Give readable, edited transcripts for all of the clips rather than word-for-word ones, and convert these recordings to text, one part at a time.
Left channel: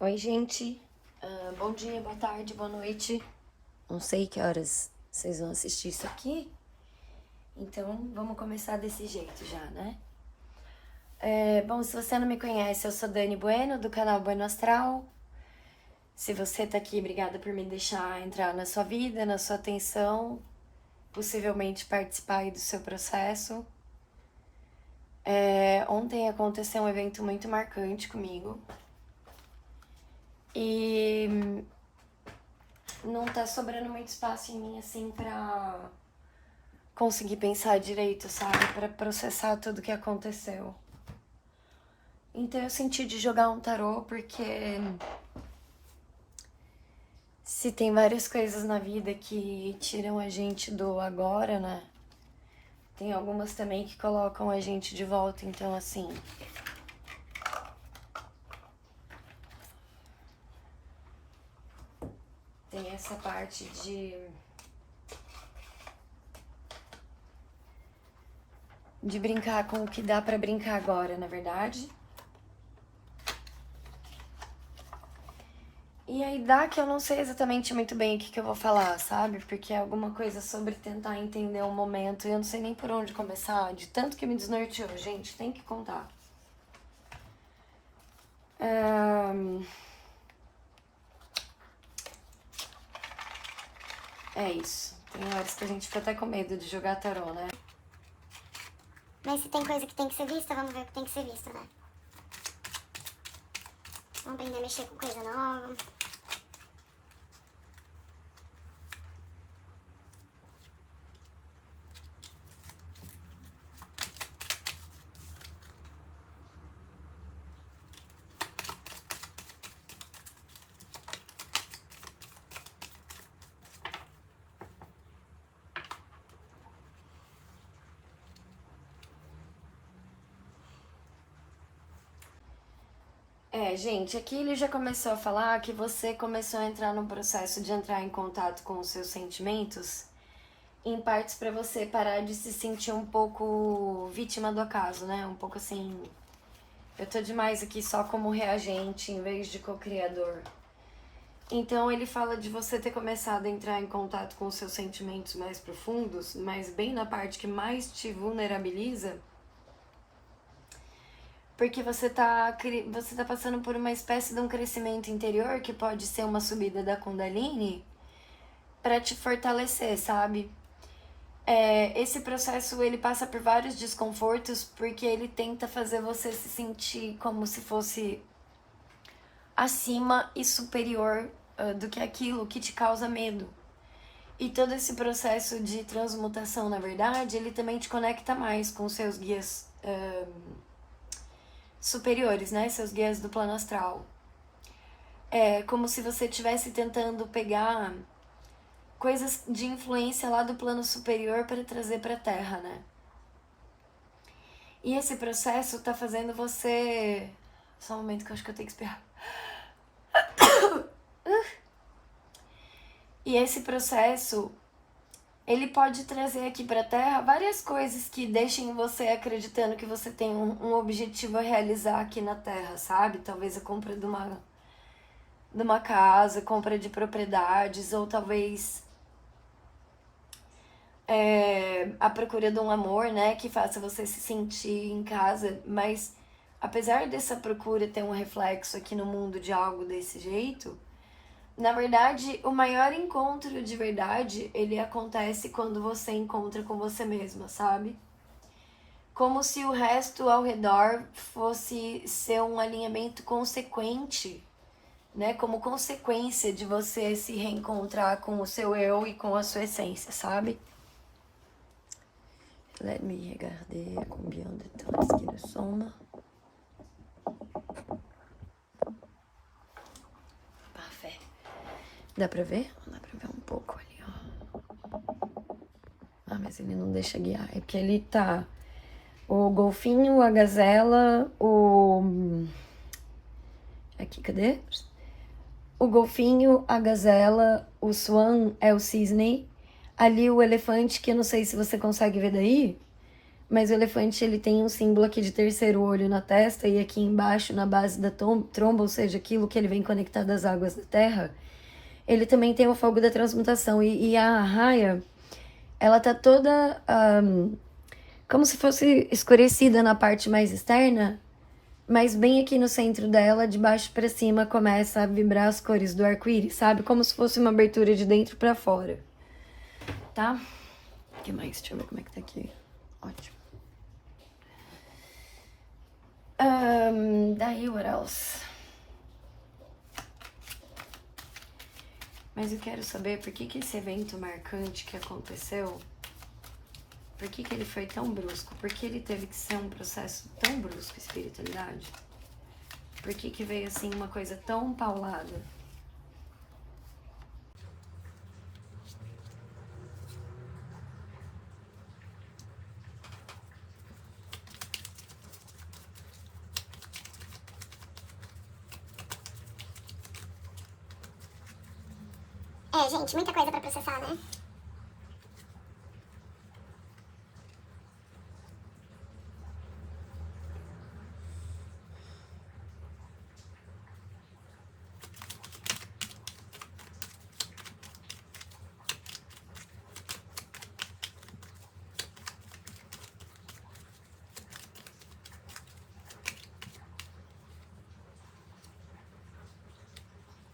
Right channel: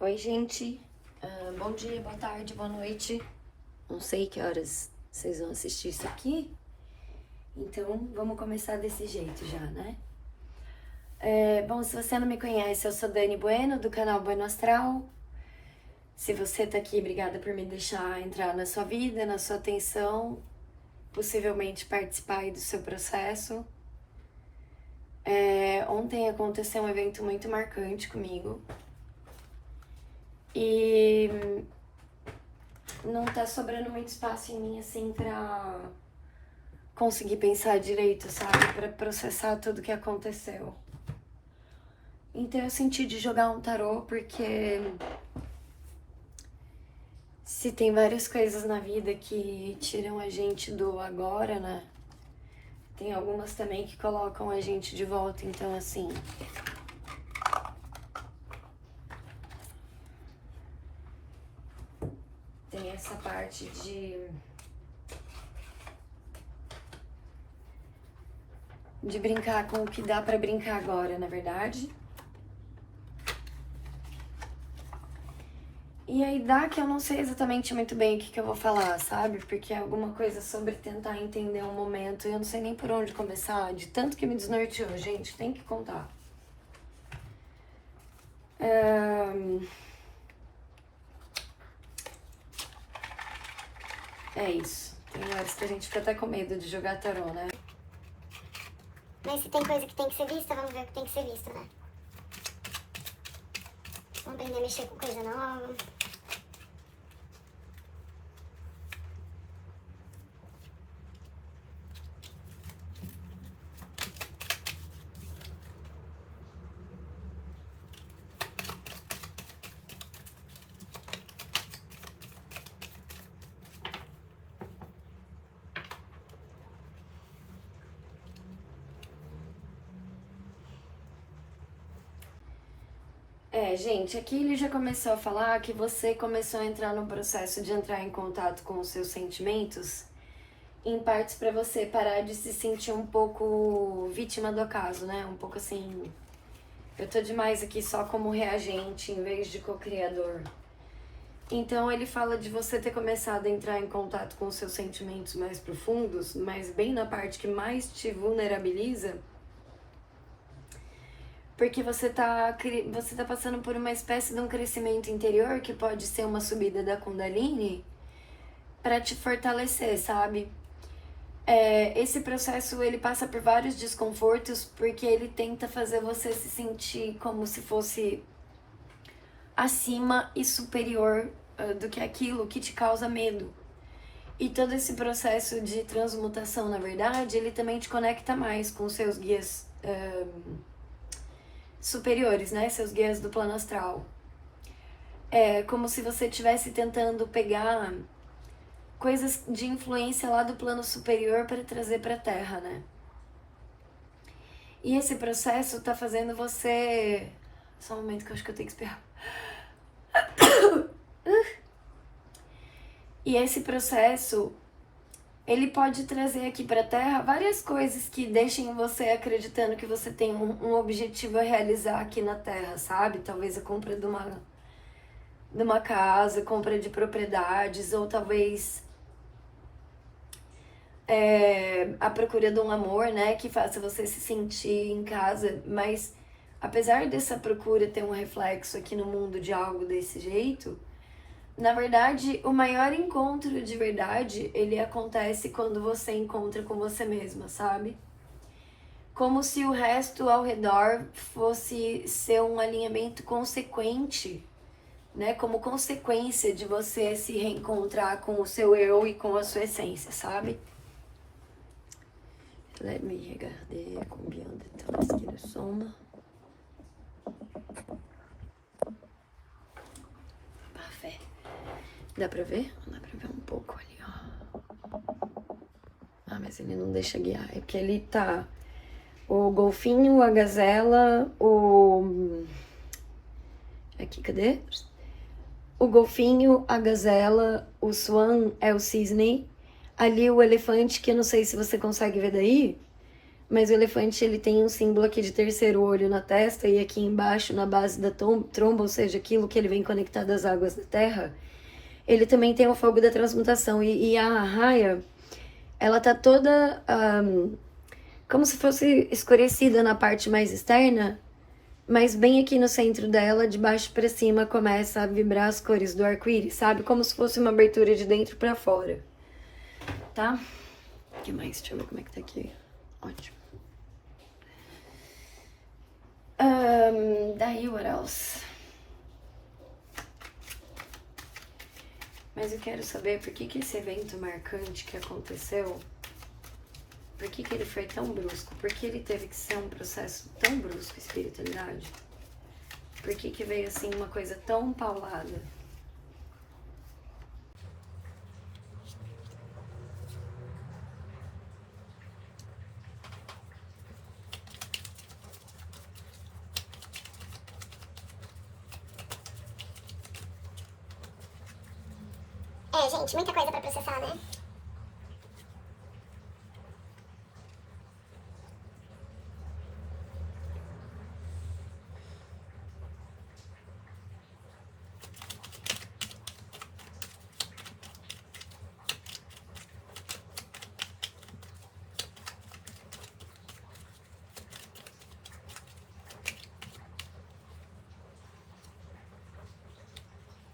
Oi, gente. Bom dia, boa tarde, boa noite. Não sei que horas vocês vão assistir isso aqui, então vamos começar desse jeito já, né? Bom, se você não me conhece, eu sou Dani Bueno, do canal Bueno Astral. Se você tá aqui, obrigada por me deixar entrar na sua vida, na sua atenção, possivelmente participar aí do seu processo. Ontem aconteceu um evento muito marcante comigo. E não tá sobrando muito espaço em mim, assim, pra conseguir pensar direito, sabe? Pra processar tudo que aconteceu. Então eu senti de jogar um tarô porque se tem várias coisas na vida que tiram a gente do agora, né? Tem algumas também que colocam a gente de volta, então assim. Tem essa parte de brincar com o que dá pra brincar agora, na verdade. E aí dá que eu não sei exatamente muito bem o que eu vou falar, sabe? Porque é alguma coisa sobre tentar entender o momento e eu não sei nem por onde começar, de tanto que me desnorteou, gente, tem que contar. É isso. Tem horas que a gente fica até com medo de jogar tarô, né? Mas se tem coisa que tem que ser vista, vamos ver o que tem que ser visto, né? Vamos aprender a mexer com coisa nova. Gente, aqui ele já começou a falar que você começou a entrar no processo de entrar em contato com os seus sentimentos, em partes pra você parar de se sentir um pouco vítima do acaso, né? Um pouco assim, eu tô demais aqui só como reagente em vez de co-criador. Então ele fala de você ter começado a entrar em contato com os seus sentimentos mais profundos, mas bem na parte que mais te vulnerabiliza, porque você tá passando por uma espécie de um crescimento interior que pode ser uma subida da Kundalini para te fortalecer, sabe? Esse processo ele passa por vários desconfortos porque ele tenta fazer você se sentir como se fosse acima e superior do que aquilo que te causa medo. E todo esse processo de transmutação, na verdade, ele também te conecta mais com seus guias superiores, né? Seus guias do plano astral. É como se você estivesse tentando pegar coisas de influência lá do plano superior para trazer para a Terra, né? E esse processo tá fazendo você... Só um momento que eu acho que eu tenho que espirrar. E esse processo, ele pode trazer aqui pra Terra várias coisas que deixem você acreditando que você tem um objetivo a realizar aqui na Terra, sabe? Talvez a compra de uma casa, compra de propriedades, ou talvez a procura de um amor, né? Que faça você se sentir em casa, mas apesar dessa procura ter um reflexo aqui no mundo de algo desse jeito, na verdade, o maior encontro de verdade, ele acontece quando você encontra com você mesma, sabe? Como se o resto ao redor fosse ser um alinhamento consequente, né? Como consequência de você se reencontrar com o seu eu e com a sua essência, sabe? Let me regarder combien de temps qu'il nous sommes. Parfait. Dá pra ver? Dá pra ver um pouco ali, ó. Ah, mas ele não deixa guiar. É que ele tá... O golfinho, a gazela, o... Aqui, cadê? O golfinho, a gazela, o swan é o cisne. Ali o elefante, que eu não sei se você consegue ver daí, Mas o elefante, ele tem um símbolo aqui de terceiro olho na testa e aqui embaixo, na base da tromba, ou seja, aquilo que ele vem conectado às águas da terra, ele também tem o fogo da transmutação. E a arraia, ela tá toda como se fosse escurecida na parte mais externa, mas bem aqui no centro dela, de baixo para cima, começa a vibrar as cores do arco-íris, sabe? Como se fosse uma abertura de dentro para fora, tá? O que mais? Deixa eu ver como é que tá aqui. Ótimo. Daí, what else? Mas eu quero saber por que esse evento marcante que aconteceu, por que ele foi tão brusco? Por que ele teve que ser um processo tão brusco, espiritualidade? Por que veio assim uma coisa tão paulada? Gente, muita coisa pra processar, né? Aqui cabe as coisas, né? Tem mais uma aqui,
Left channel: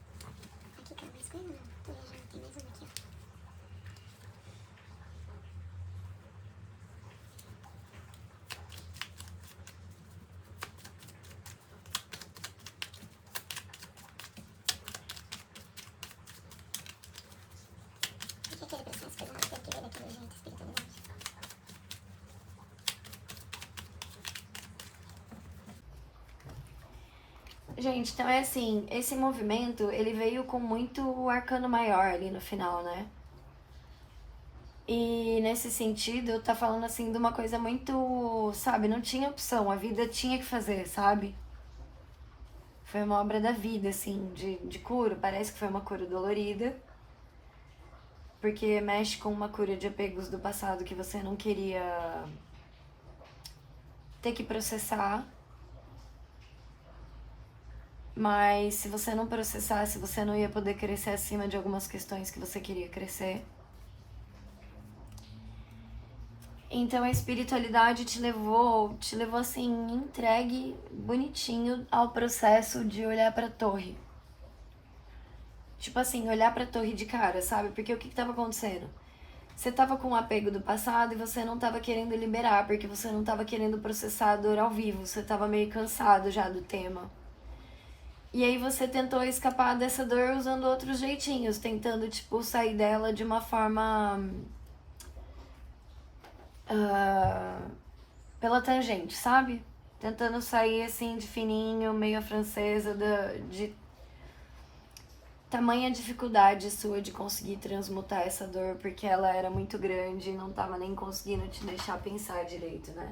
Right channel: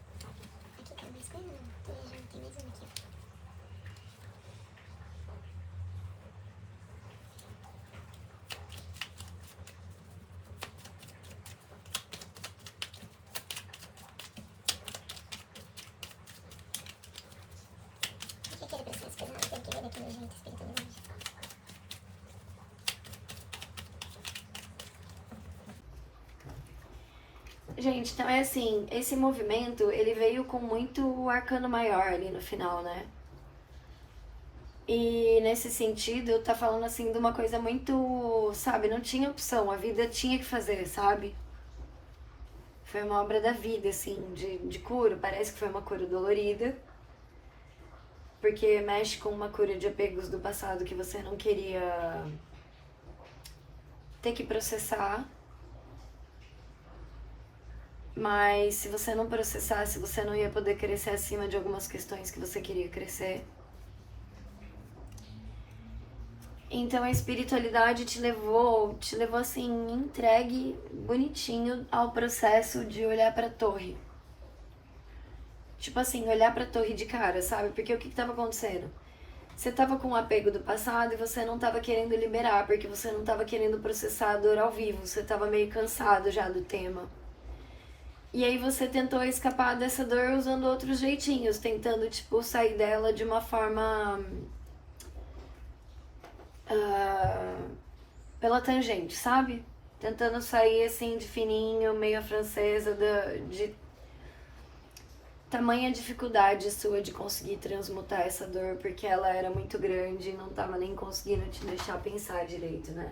ó. Por que ele pensa nessas coisas? Não, tem que ver daquele jeito, espiritualmente. Gente, então é assim, esse movimento, ele veio com muito arcano maior ali no final, né? E nesse sentido, tá falando assim de uma coisa muito, sabe, não tinha opção, a vida tinha que fazer, sabe? Foi uma obra da vida, assim, de cura, parece que foi uma cura dolorida, porque mexe com uma cura de apegos do passado que você não queria ter que processar. Mas se você não processasse, você não ia poder crescer acima de algumas questões que você queria crescer. Então a espiritualidade te levou assim, entregue, bonitinho, ao processo de olhar pra torre. Tipo assim, olhar pra torre de cara, sabe? Porque o que tava acontecendo? Você tava com um apego do passado e você não tava querendo liberar, porque você não tava querendo processar a dor ao vivo, você tava meio cansado já do tema. E aí você tentou escapar dessa dor usando outros jeitinhos, tentando, tipo, sair dela de uma forma pela tangente, sabe? Tentando sair assim de fininho, meio francesa, de tamanha dificuldade sua de conseguir transmutar essa dor, porque ela era muito grande e não tava nem conseguindo te deixar pensar direito, né?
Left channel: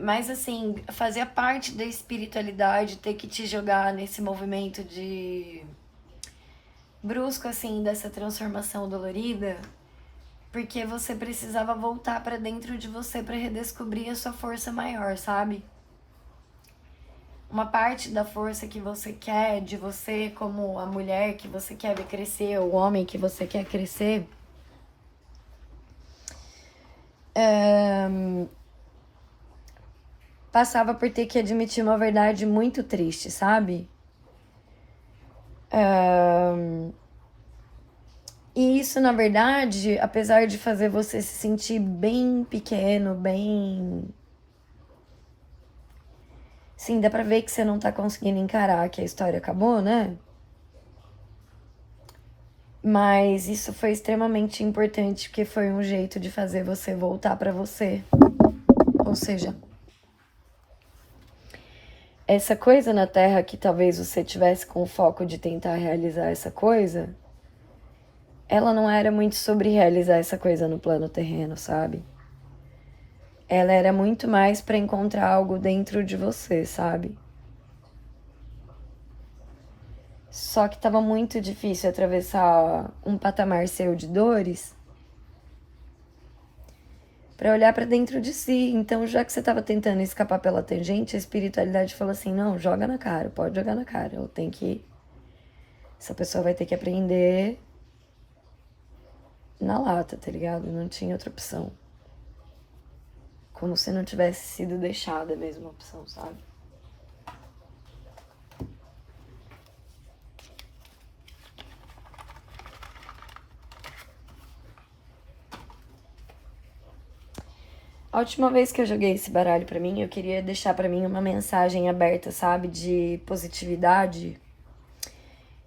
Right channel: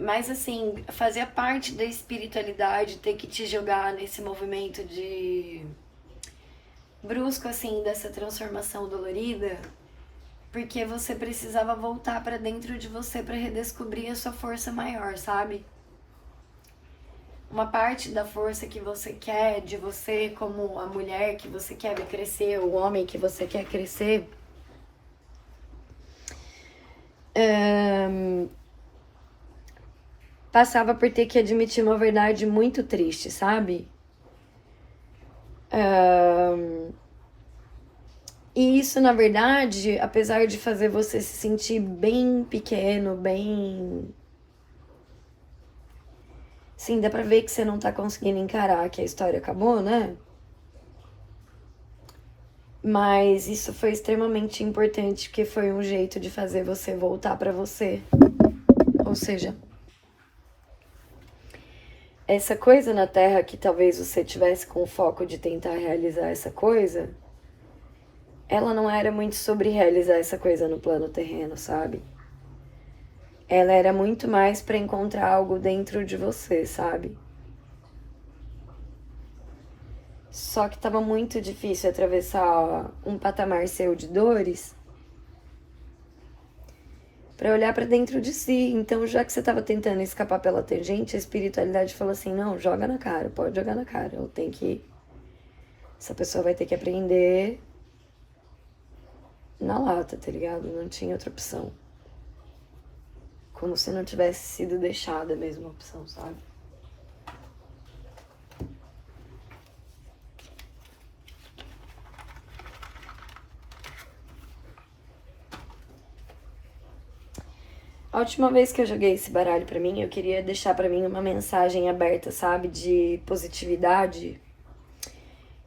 Mas assim, fazia parte da espiritualidade ter que te jogar nesse movimento de brusco, assim, dessa transformação dolorida, porque você precisava voltar pra dentro de você pra redescobrir a sua força maior, sabe? Uma parte da força que você quer de você, como a mulher que você quer ver crescer, o homem que você quer crescer, passava por ter que admitir uma verdade muito triste, sabe? E isso, na verdade, apesar de fazer você se sentir bem pequeno, bem... Sim, dá pra ver que você não tá conseguindo encarar que a história acabou, né? Mas isso foi extremamente importante, porque foi um jeito de fazer você voltar pra você. Ou seja, essa coisa na Terra que talvez você tivesse com o foco de tentar realizar essa coisa, ela não era muito sobre realizar essa coisa no plano terreno, sabe? Ela era muito mais pra encontrar algo dentro de você, sabe? Só que tava muito difícil atravessar um patamar seu de dores para olhar para dentro de si. Então, já que você tava tentando escapar pela tangente, a espiritualidade falou assim: não, joga na cara, pode jogar na cara. Eu tenho que. Essa pessoa vai ter que aprender na lata, tá ligado? Não tinha outra opção. Como se não tivesse sido deixada a mesma opção, sabe? A última vez que eu joguei esse baralho pra mim, eu queria deixar pra mim uma mensagem aberta, sabe? De positividade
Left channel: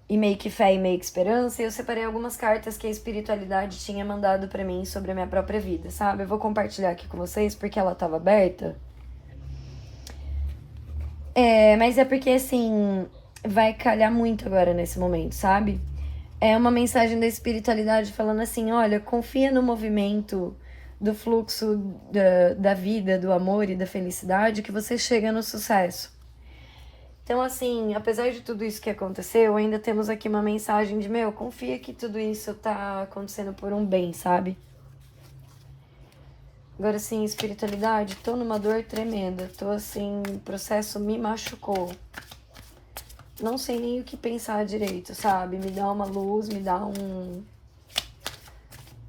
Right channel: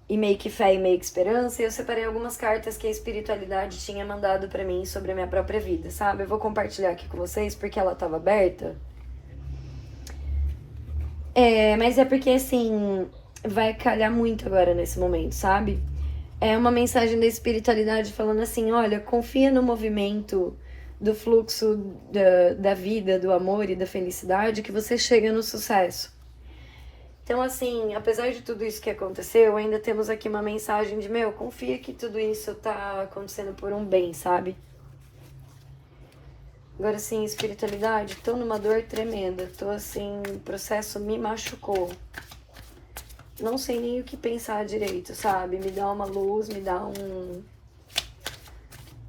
e meio que fé e meio que esperança. E eu separei algumas cartas que a espiritualidade tinha mandado pra mim sobre a minha própria vida, sabe? Eu vou compartilhar aqui com vocês porque ela tava aberta. Mas é porque, assim, vai calhar muito agora nesse momento, sabe? É uma mensagem da espiritualidade falando assim: olha, confia no movimento do fluxo da vida, do amor e da felicidade que você chega no sucesso. Então, assim, apesar de tudo isso que aconteceu, ainda temos aqui uma mensagem de: meu, confia que tudo isso tá acontecendo por um bem, sabe? Agora, assim, espiritualidade, tô numa dor tremenda, tô assim, o processo me machucou. Não sei nem o que pensar direito, sabe? Me dá uma luz, me dá um...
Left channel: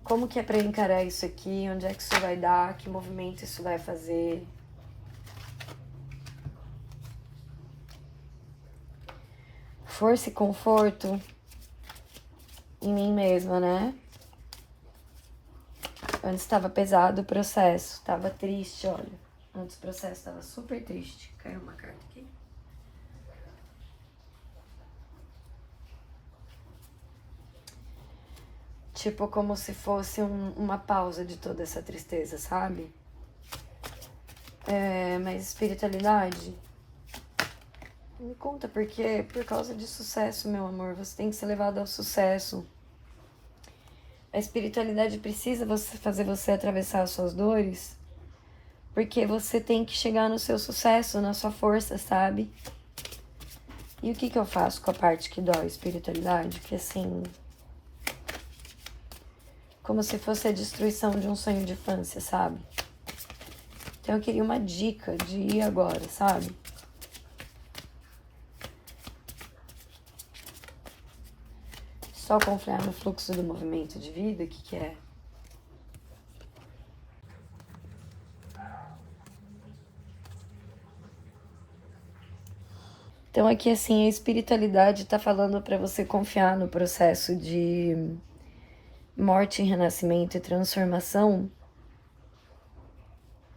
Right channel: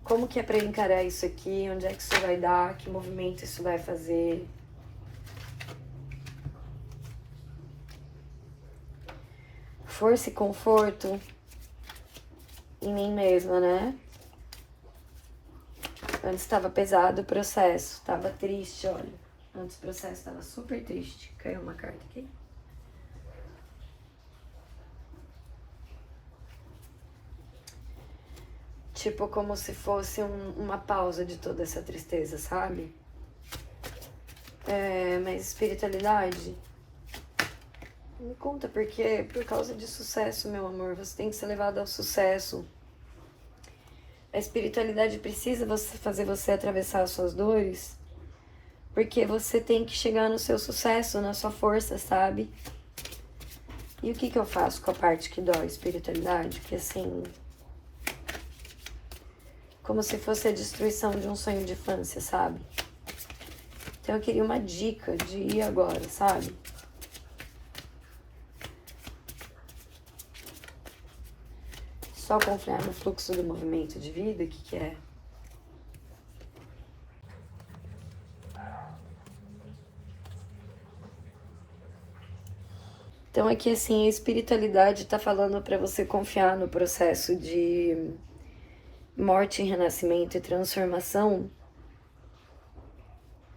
Como que é pra encarar isso aqui? Onde é que isso vai dar? Que movimento isso vai fazer? Força e conforto em mim mesma, né? Antes estava pesado o processo, estava triste, olha. Antes o processo estava super triste. Caiu uma carta aqui. Tipo, como se fosse uma pausa de toda essa tristeza, sabe? Mas espiritualidade... Me conta por quê? Por causa de sucesso, meu amor. Você tem que ser levado ao sucesso. A espiritualidade precisa fazer você atravessar as suas dores, porque você tem que chegar no seu sucesso, na sua força, sabe? E o que eu faço com a parte que dói, espiritualidade? Que assim... Como se fosse a destruição de um sonho de infância, sabe? Então eu queria uma dica de ir agora, sabe? Só confiar no fluxo do movimento de vida, o que é? Então aqui assim, a espiritualidade tá falando para você confiar no processo de morte, renascimento e transformação,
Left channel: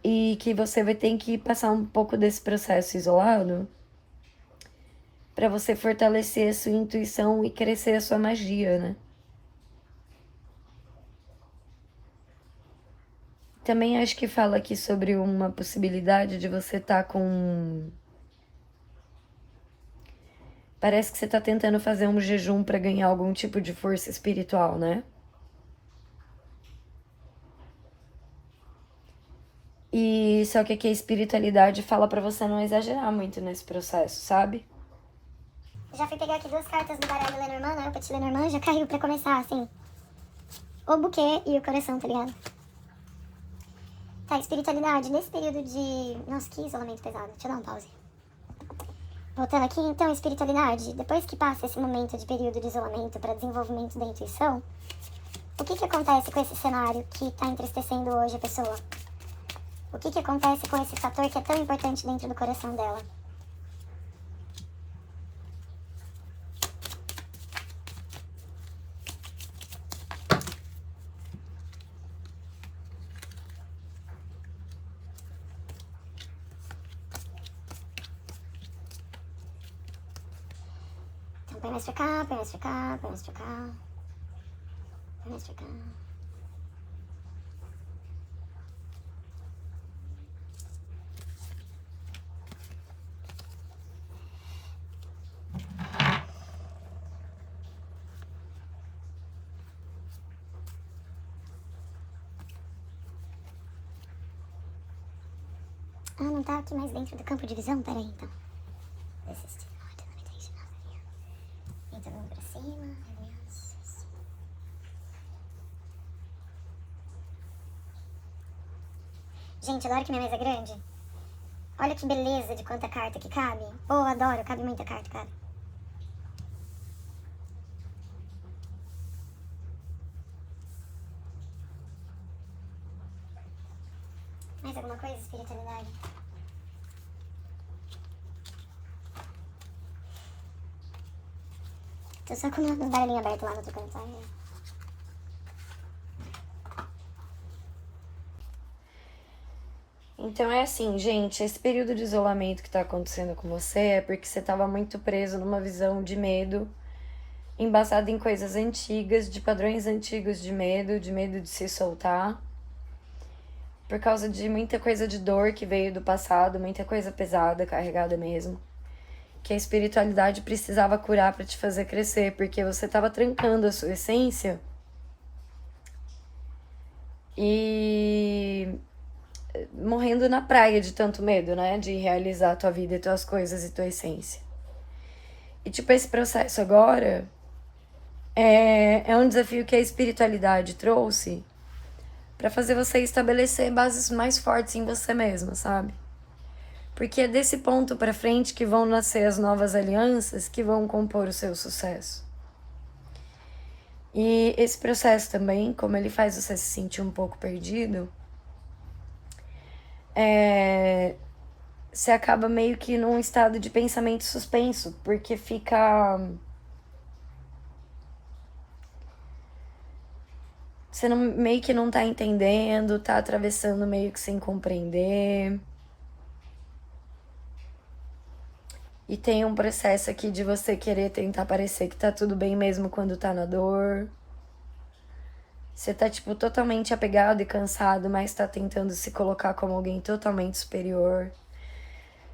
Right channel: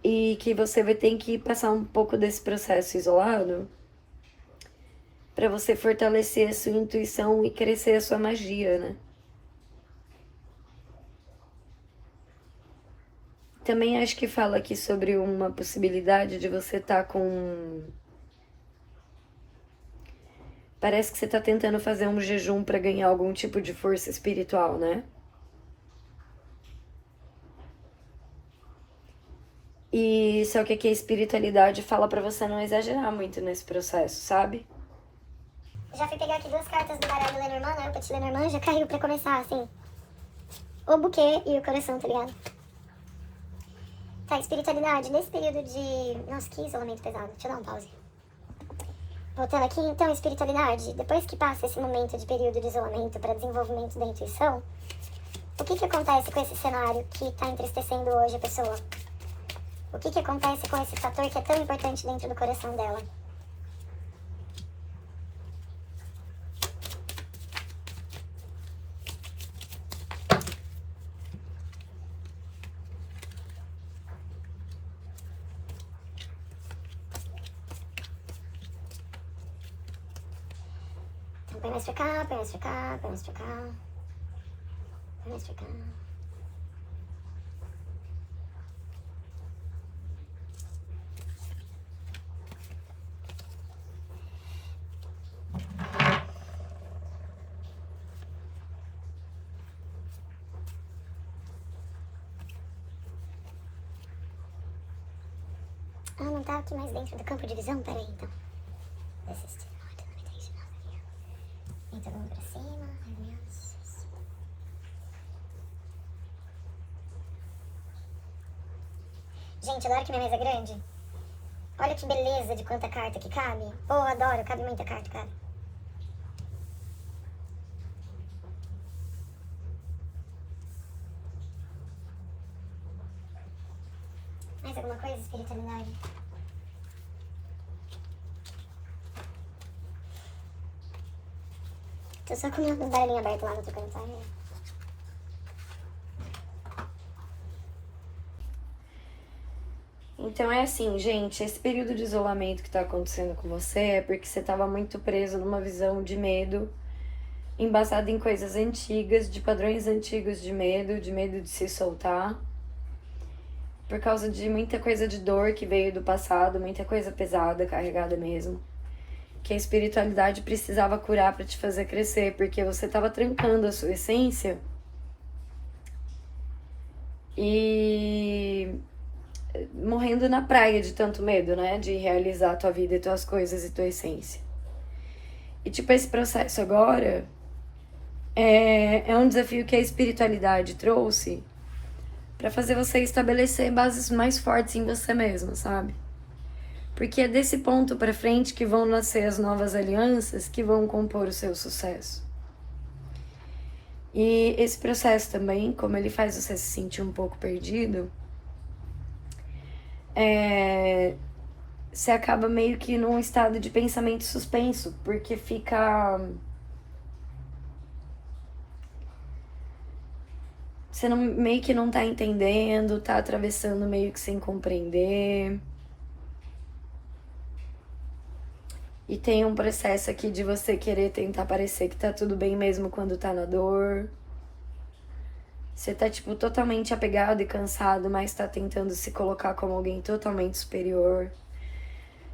e que você vai ter que passar um pouco desse processo isolado para você fortalecer a sua intuição e crescer a sua magia, né? Também acho que fala aqui sobre uma possibilidade de você estar com... Parece que você tá tentando fazer um jejum para ganhar algum tipo de força espiritual, né? E só que aqui a espiritualidade fala para você não exagerar muito nesse processo, sabe? Já fui pegar aqui 2 cartas do baralho Lenormand, né? O Petit Lenormand já caiu pra começar, assim. O buquê e o coração, tá ligado? Tá, espiritualidade, nesse período de... Nossa, que isolamento pesado. Deixa eu dar um pause. Voltando aqui, então, espiritualidade. Depois que passa esse momento de período de isolamento para desenvolvimento da intuição, o que acontece com esse cenário que tá entristecendo hoje a pessoa? O que acontece com esse fator que é tão importante dentro do coração dela? Então põe mais pra cá, põe mais pra cá, põe mais pra cá. Põe mais pra cá. Ah, não tá aqui mais dentro do campo de visão? Peraí, então. Então todo mundo pra cima. Ai, meu Deus. Gente, adoro que minha mesa é grande. Olha que beleza de quanta carta que cabe. Oh, adoro, cabe muita carta, cara. Mais alguma coisa, espiritualidade? Tô só com um barulhinho aberto lá no outro canto, sabe? Então é assim, gente, esse período de isolamento que tá acontecendo com você é porque você tava muito preso numa visão de medo, embasada em coisas antigas, de padrões antigos de medo de se soltar, por causa de muita coisa de dor que veio do passado, muita coisa pesada, carregada mesmo, que a espiritualidade precisava curar para te fazer crescer, porque você tava trancando a sua essência e morrendo na praia de tanto medo, né? De realizar a tua vida e tuas coisas e tua essência. E tipo, esse processo agora é um desafio que a espiritualidade trouxe para fazer você estabelecer bases mais fortes em você mesmo, sabe? Porque é desse ponto para frente que vão nascer as novas alianças que vão compor o seu sucesso. E esse processo também, como ele faz você se sentir um pouco perdido, você acaba meio que num estado de pensamento suspenso, porque fica... Você não, meio que não tá entendendo, tá atravessando meio que sem compreender. E tem um processo aqui de você querer tentar parecer que tá tudo bem mesmo quando tá na dor. Você tá, tipo, totalmente apegado e cansado, mas tá tentando se colocar como alguém totalmente superior.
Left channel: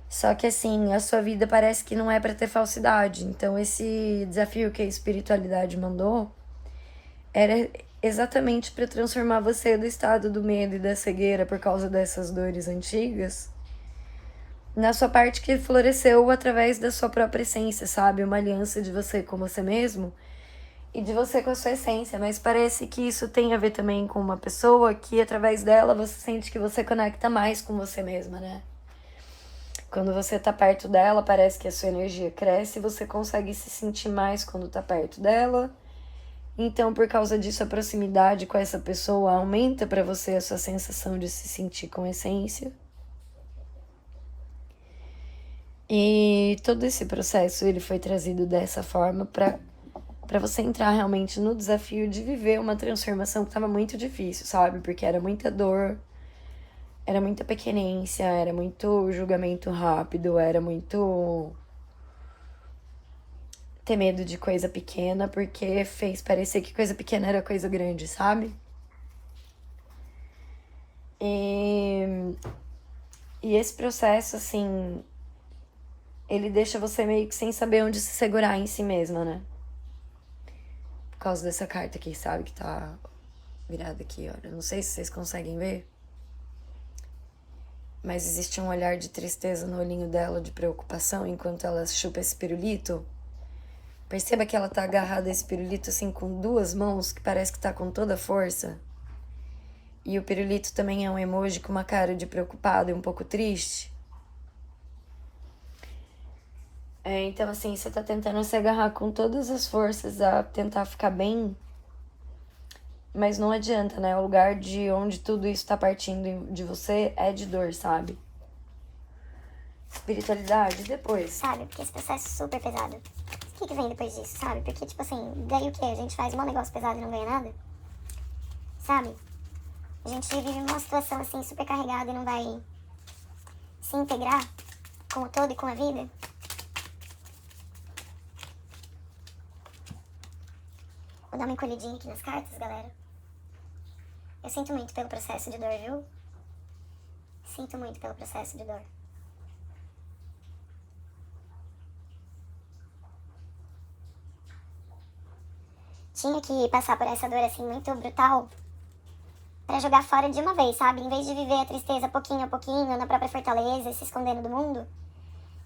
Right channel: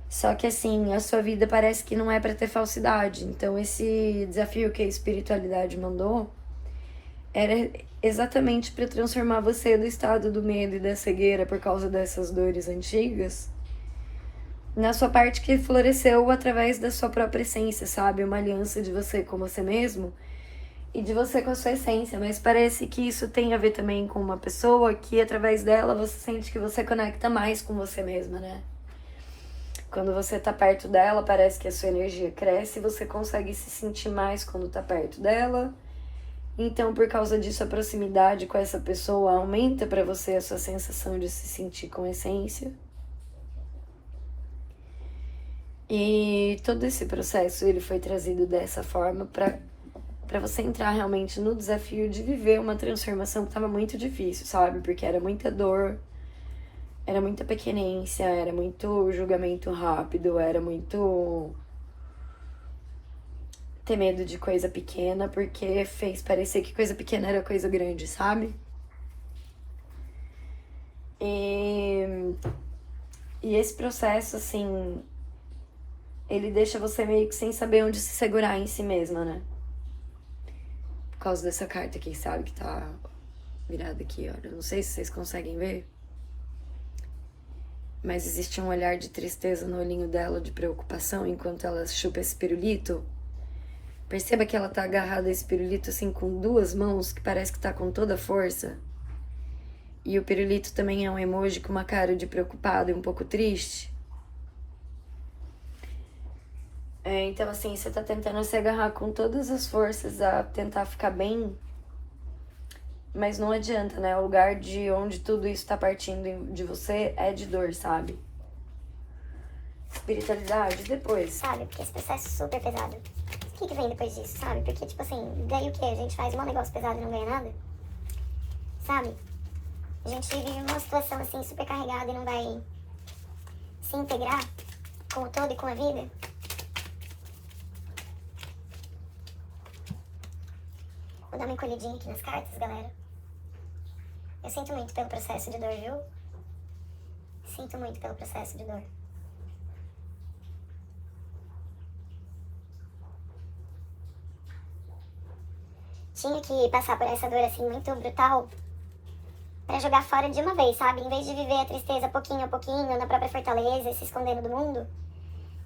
Só que, assim, a sua vida parece que não é pra ter falsidade. Então, esse desafio que a espiritualidade mandou era exatamente pra transformar você do estado do medo e da cegueira por causa dessas dores antigas na sua parte que floresceu através da sua própria essência, sabe? Uma aliança de você com você mesmo e de você com a sua essência. Mas parece que isso tem a ver também com uma pessoa que, através dela, você sente que você conecta mais com você mesma, né? Quando você tá perto dela, parece que a sua energia cresce e você consegue se sentir mais quando tá perto dela. Então, por causa disso, a proximidade com essa pessoa aumenta pra você a sua sensação de se sentir com essência. E todo esse processo, ele foi trazido dessa forma pra você entrar realmente no desafio de viver uma transformação que estava muito difícil, sabe? Porque era muita dor, era muita pequenência, era muito julgamento rápido, era muito ter medo de coisa pequena, porque fez parecer que coisa pequena era coisa grande, sabe? E esse processo, assim, ele deixa você meio que sem saber onde se segurar em si mesma, né? Por causa dessa carta aqui, sabe? Que tá virada aqui, olha. Não sei se vocês conseguem ver. Mas existe um olhar de tristeza no olhinho dela, de preocupação, enquanto ela chupa esse pirulito. Perceba que ela tá agarrada a esse pirulito, assim, com duas mãos, que parece que tá com toda a força. E o pirulito também é um emoji com uma cara de preocupado e um pouco triste. Então, assim, você tá tentando se agarrar com todas as forças a tentar ficar bem, mas não adianta, né? O lugar de onde tudo isso tá partindo de você é de dor, sabe? Espiritualidade, depois. Sabe, porque esse processo é super pesado. O que vem depois disso, sabe? Porque, tipo assim, daí o que? A gente faz um negócio pesado e não ganha nada? Sabe? A gente vive uma situação, assim, super carregada e não vai se integrar com o todo e com a vida. Vou dar uma encolhidinha aqui nas cartas, galera. Eu sinto muito pelo processo de dor, viu? Sinto muito pelo processo de dor. Tinha que passar por essa dor, assim, muito brutal pra jogar fora de uma vez, sabe? Em vez de viver a tristeza pouquinho a pouquinho, na própria fortaleza, se escondendo do mundo,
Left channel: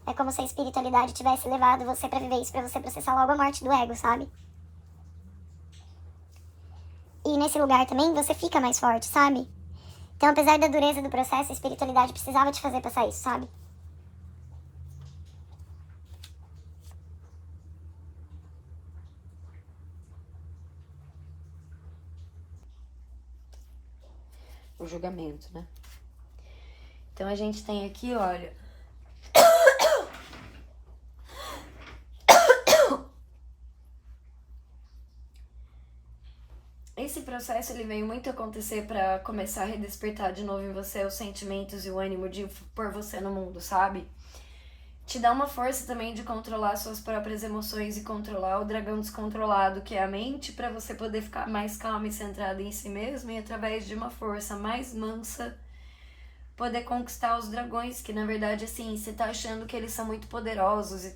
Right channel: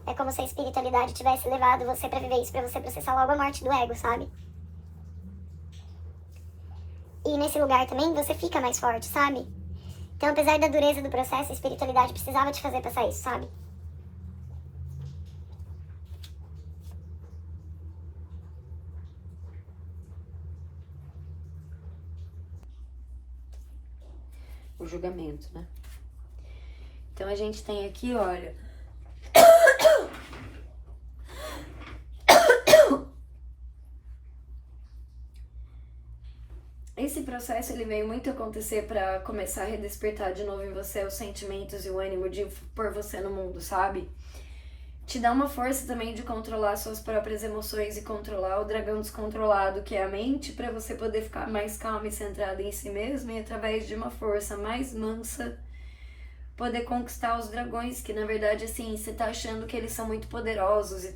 É como se a espiritualidade tivesse levado você pra viver isso, pra você processar logo a morte do ego, sabe? E nesse lugar também você fica mais forte, sabe? Então, apesar da dureza do processo, a espiritualidade precisava te fazer passar isso, sabe? O julgamento, né? Então a gente tem aqui, olha... Esse processo ele veio muito acontecer pra começar a redespertar de novo em você os sentimentos e o ânimo de pôr você no mundo, sabe? Te dá uma força também de controlar suas próprias emoções e controlar o dragão descontrolado, que é a mente, pra você poder ficar mais calma e centrada em si mesmo e através de uma força mais mansa poder conquistar os dragões, que na verdade assim, você tá achando que eles são muito poderosos e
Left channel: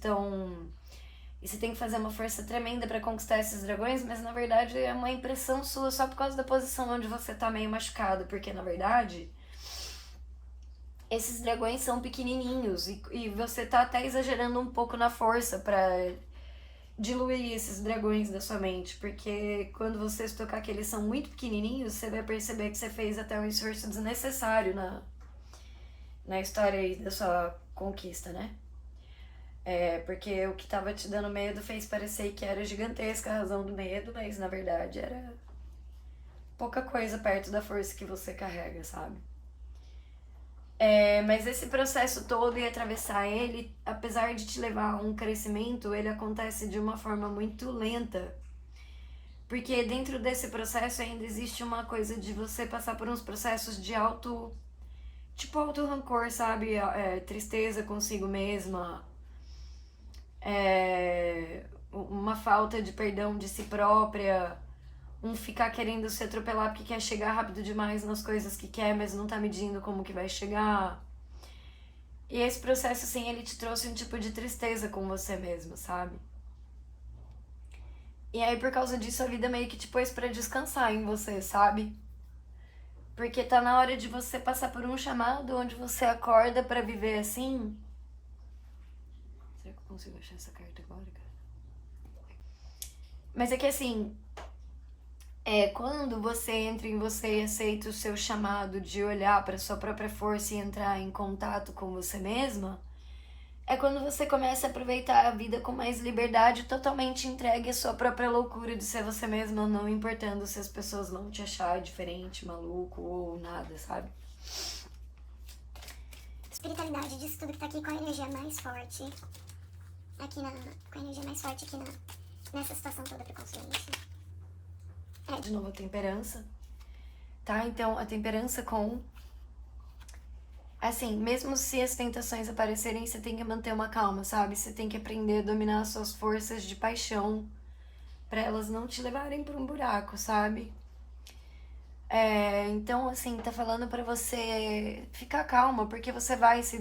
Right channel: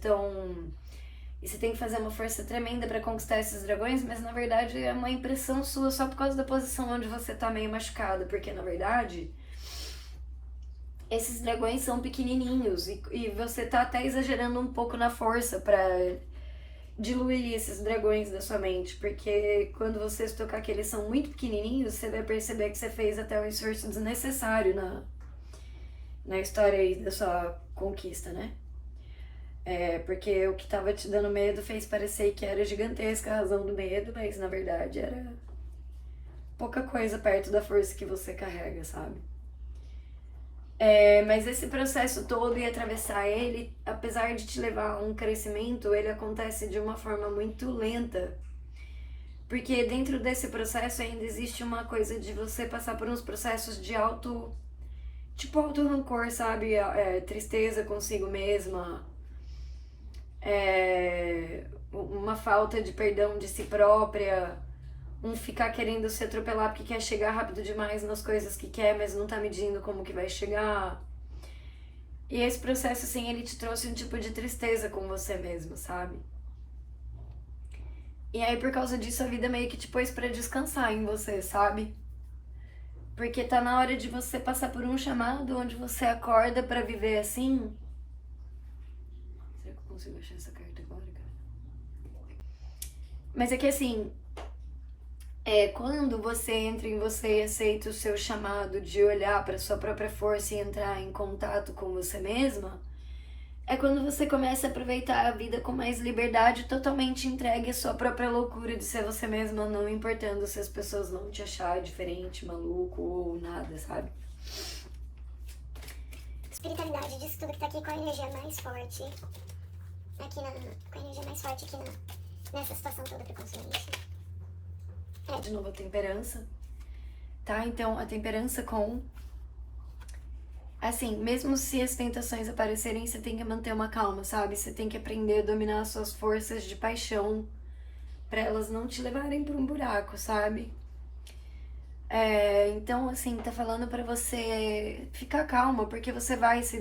você tem que fazer uma força tremenda pra conquistar esses dragões, mas na verdade é uma impressão sua só por causa da posição onde você tá meio machucado, porque na verdade esses dragões são pequenininhos e você tá até exagerando um pouco na força pra diluir esses dragões da sua mente, porque quando você se tocar que eles são muito pequenininhos, você vai perceber que você fez até um esforço desnecessário na história aí da sua conquista, né? Porque o que tava te dando medo fez parecer que era gigantesca a razão do medo, mas na verdade era pouca coisa perto da força que você carrega, sabe? Mas esse processo todo e atravessar ele, apesar de te levar a um crescimento, ele acontece de uma forma muito lenta. Porque dentro desse processo ainda existe uma coisa de você passar por uns processos de auto rancor, sabe? Tristeza consigo mesma, uma falta de perdão de si própria, um ficar querendo se atropelar porque quer chegar rápido demais nas coisas que quer, mas não tá medindo como que vai chegar. E esse processo, assim, ele te trouxe um tipo de tristeza com você mesmo, sabe? E aí, por causa disso, a vida meio que te pôs pra descansar em você, sabe? Porque tá na hora de você passar por um chamado onde você acorda pra viver assim. Será que eu consigo achar essa carta agora, cara? Mas é que assim, quando você entra em você e aceita o seu chamado de olhar pra sua própria força e entrar em contato com você mesma, é quando você começa a aproveitar a vida com mais liberdade, totalmente entregue à sua própria loucura de ser você mesma, não importando se as pessoas vão te achar diferente, maluco ou nada, sabe? Espiritualidade disso tudo que tá aqui com a energia mais forte. Com a energia mais forte aqui nessa situação toda pro consciente. De novo, a temperança, tá? Então, a temperança com... Assim, mesmo se as tentações aparecerem, você tem que manter uma calma, sabe? Você tem que aprender a dominar as suas forças de paixão pra elas não te levarem pra um buraco, sabe? Então, assim, tá falando pra você ficar calma, porque você vai se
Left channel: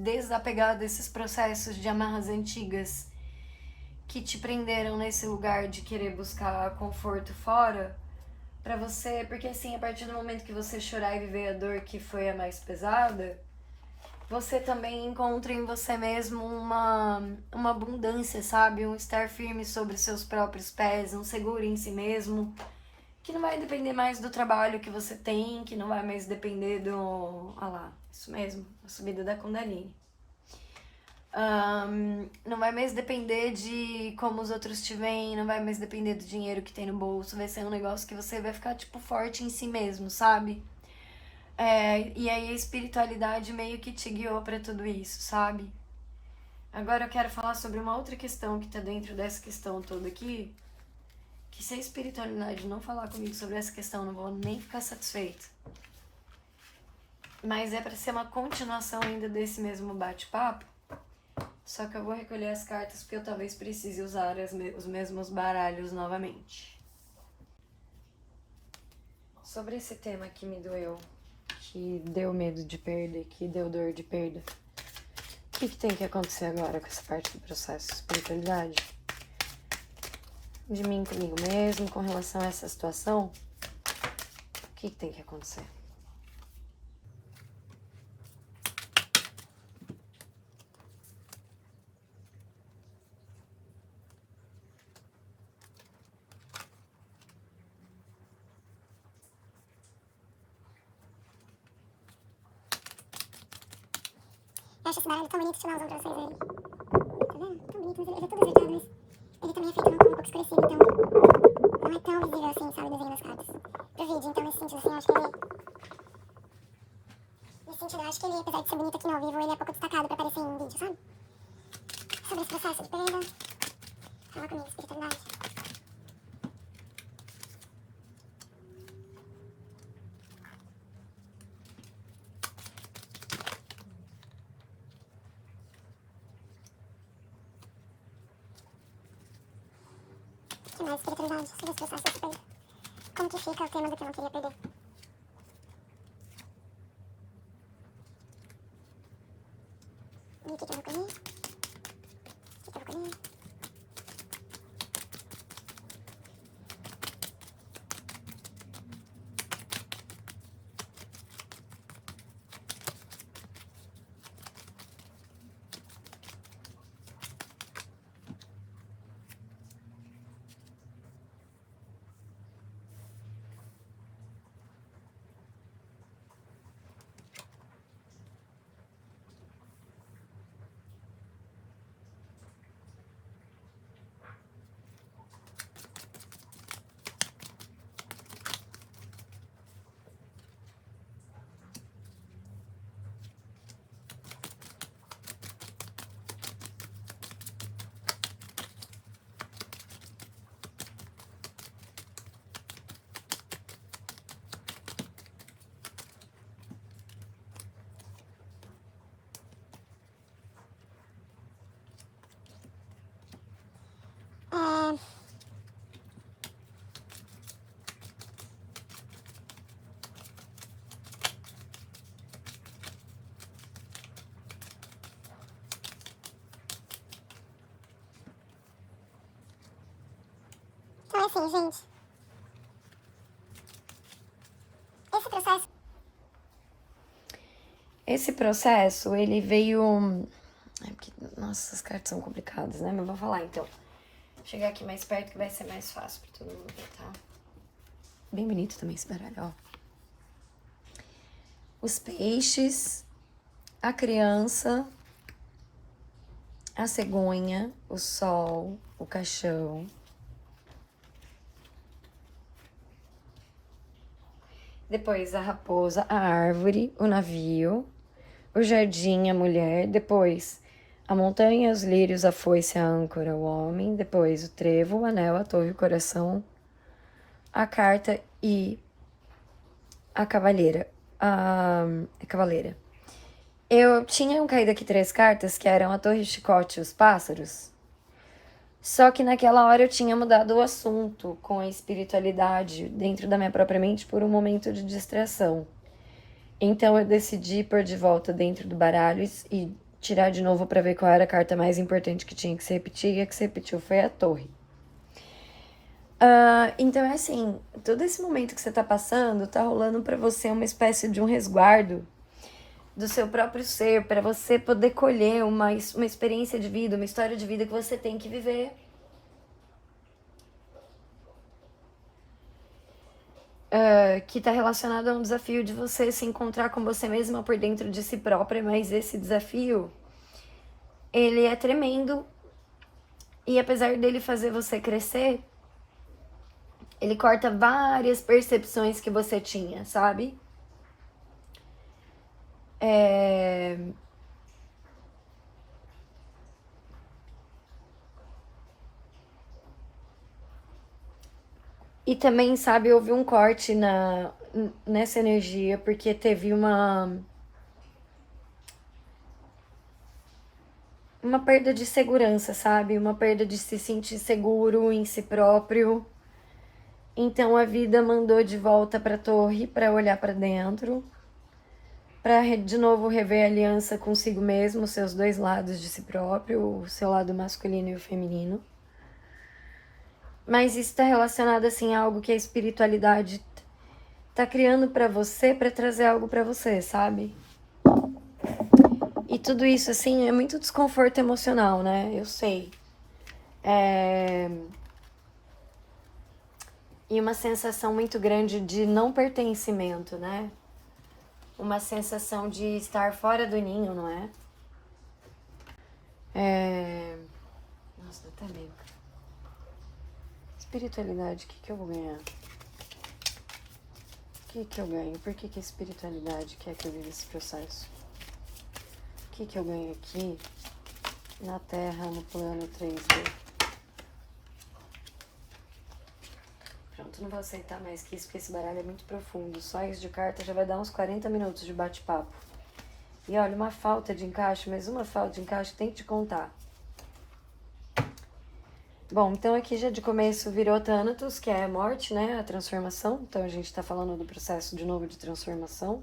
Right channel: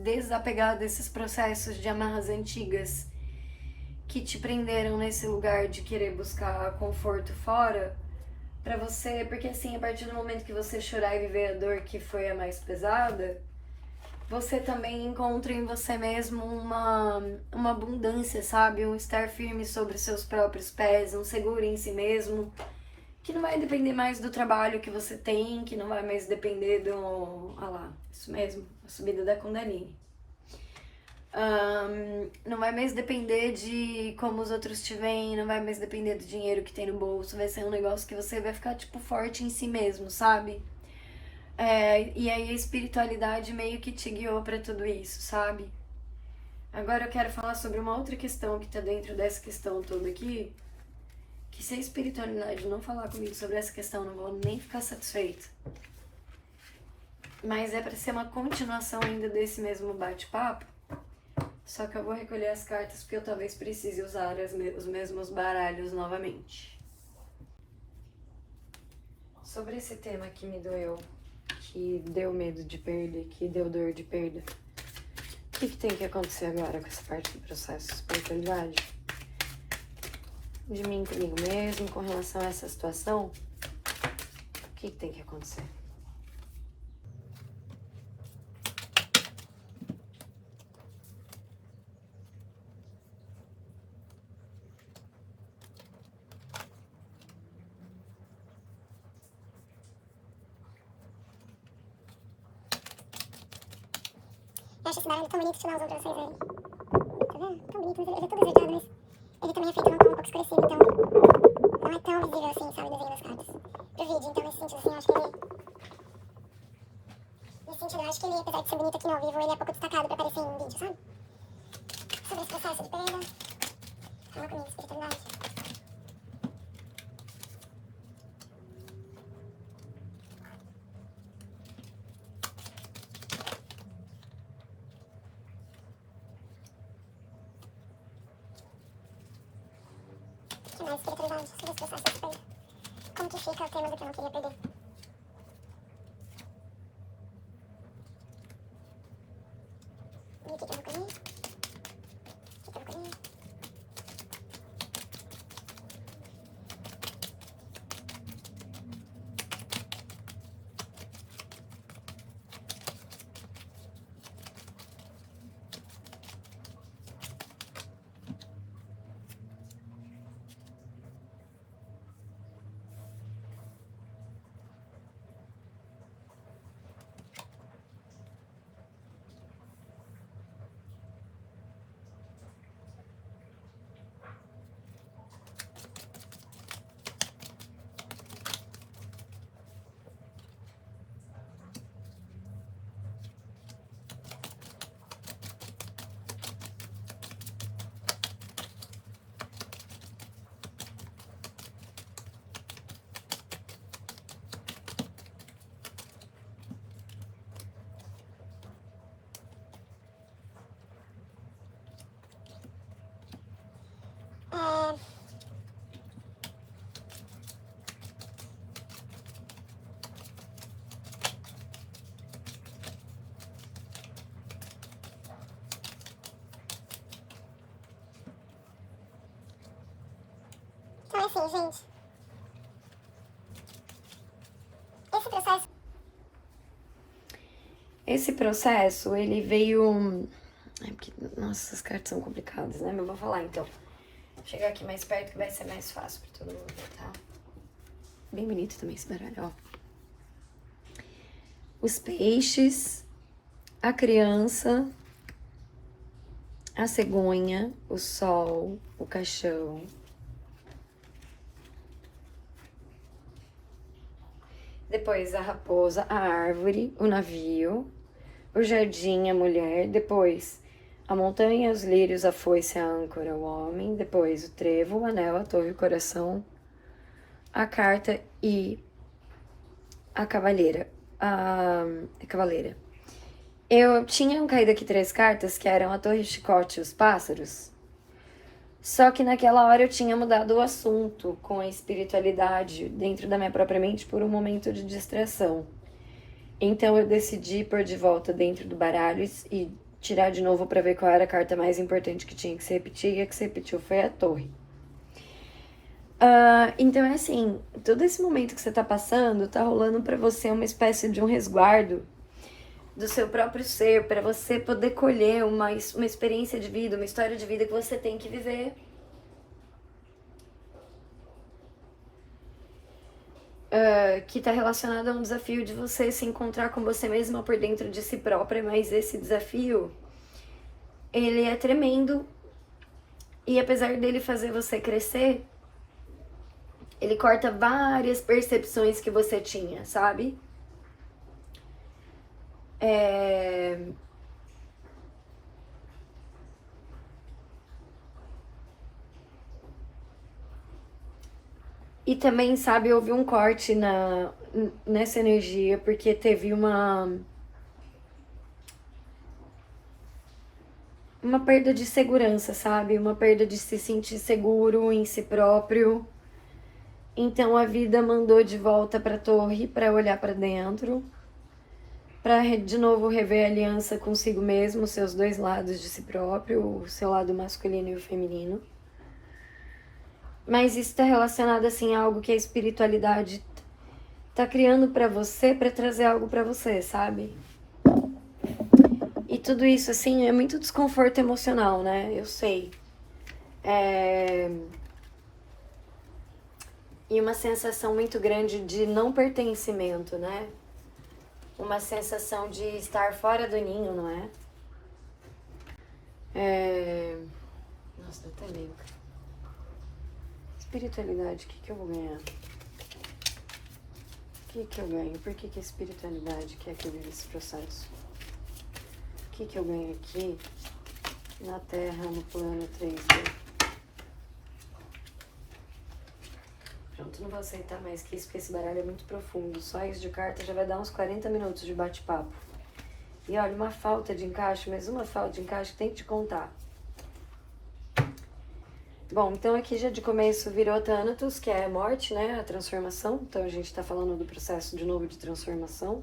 desapegar desses processos de amarras antigas que te prenderam nesse lugar de querer buscar conforto fora pra você, porque assim, a partir do momento que você chorar e viver a dor que foi a mais pesada, você também encontra em você mesmo uma abundância, sabe? Um estar firme sobre seus próprios pés, um seguro em si mesmo, que não vai depender mais do trabalho que você tem, que não vai mais depender do... Olha lá, isso mesmo, a subida da Kundalini. Não vai mais depender de como os outros te veem, não vai mais depender do dinheiro que tem no bolso, vai ser um negócio que você vai ficar, tipo, forte em si mesmo, sabe? E aí a espiritualidade meio que te guiou pra tudo isso, sabe? Agora eu quero falar sobre uma outra questão que tá dentro dessa questão toda aqui, que se a espiritualidade não falar comigo sobre essa questão, não vou nem ficar satisfeita. Mas é pra ser uma continuação ainda desse mesmo bate-papo. Só que eu vou recolher as cartas porque eu talvez precise usar os mesmos baralhos novamente. Sobre esse tema que me doeu, que deu medo de perda, que deu dor de perda, o que tem que acontecer agora com essa parte do processo de espiritualidade? De mim comigo mesmo, com relação a essa situação, o que tem que acontecer? acho esse baralho tão bonito, deixa eu dar um zoom pra vocês verem. Tá vendo? Tão bonito, mas ele é todo esverdeado, mas ele também é feito num tom um pouco escurecido, então não é tão visível assim, sabe, o desenho das cartas pro vídeo. Então nesse sentido, assim, eu acho que ele... Nesse sentido, eu acho que ele, apesar de ser bonito aqui no ao vivo, ele é pouco destacado pra aparecer em vídeo, sabe? Sobre esse processo de perda, fala comigo, espiritualidade. Que mais espiritualidade sobre esse processo de perda? Como que fica o tema do que eu não queria perder? E o que eu não comi? O que eu não comi? Então é assim, gente. Esse processo... Esse processo, ele veio... Nossa, essas cartas são complicadas, né? Mas eu vou falar, então. Vou chegar aqui mais perto que vai ser mais fácil pra todo mundo ver, tá? Bem bonito também esse baralho, ó. Os peixes, a criança, a cegonha, o sol, o caixão. Depois a raposa, a árvore, o navio, o jardim, a mulher. Depois a montanha, os lírios, a foice, a âncora, o homem. Depois o trevo, o anel, a torre, o coração, a carta e a cavaleira. A cavaleira. Eu tinha caído aqui 3 cartas que eram a torre, o chicote e os pássaros. Só que naquela hora eu tinha mudado o assunto com a espiritualidade dentro da minha própria mente por um momento de distração. Então eu decidi pôr de volta dentro do baralho e tirar de novo para ver qual era a carta mais importante que tinha que se repetir, e a que se repetiu foi a torre. Então é assim, todo esse momento que você tá passando, tá rolando para você uma espécie de um resguardo do seu próprio ser, para você poder colher uma experiência de vida, uma história de vida que você tem que viver. Que tá relacionado a um desafio de você se encontrar com você mesma por dentro de si própria, mas esse desafio, ele é tremendo, e apesar dele fazer você crescer, ele corta várias percepções que você tinha, sabe? E também, sabe, houve um corte nessa energia, porque teve uma perda de segurança, sabe? Uma perda de se sentir seguro em si próprio. Então a vida mandou de volta pra torre pra olhar pra dentro, pra de novo rever a aliança consigo mesmo, seus 2 lados de si próprio, o seu lado masculino e o feminino. Mas isso tá relacionado, assim, a algo que a espiritualidade tá criando pra você, pra trazer algo pra você, sabe? E tudo isso, assim, é muito desconforto emocional, né? Eu sei. E uma sensação muito grande de não pertencimento, né? Uma sensação de estar fora do ninho, não é? Nossa, dá até medo. Espiritualidade, o que eu vou ganhar? O que eu ganho? Por que a espiritualidade quer que eu viva esse processo? O que eu ganho aqui na Terra, no plano 3D? Pronto, não vou aceitar mais que isso, porque esse baralho é muito profundo. Só isso de carta já vai dar uns 40 minutos de bate-papo. E olha, uma falta de encaixe, mas uma falta de encaixe que tem que te contar. Bom, então aqui já de começo virou Thanatos, que é a morte, né? A transformação. Então a gente tá falando do processo de novo de transformação.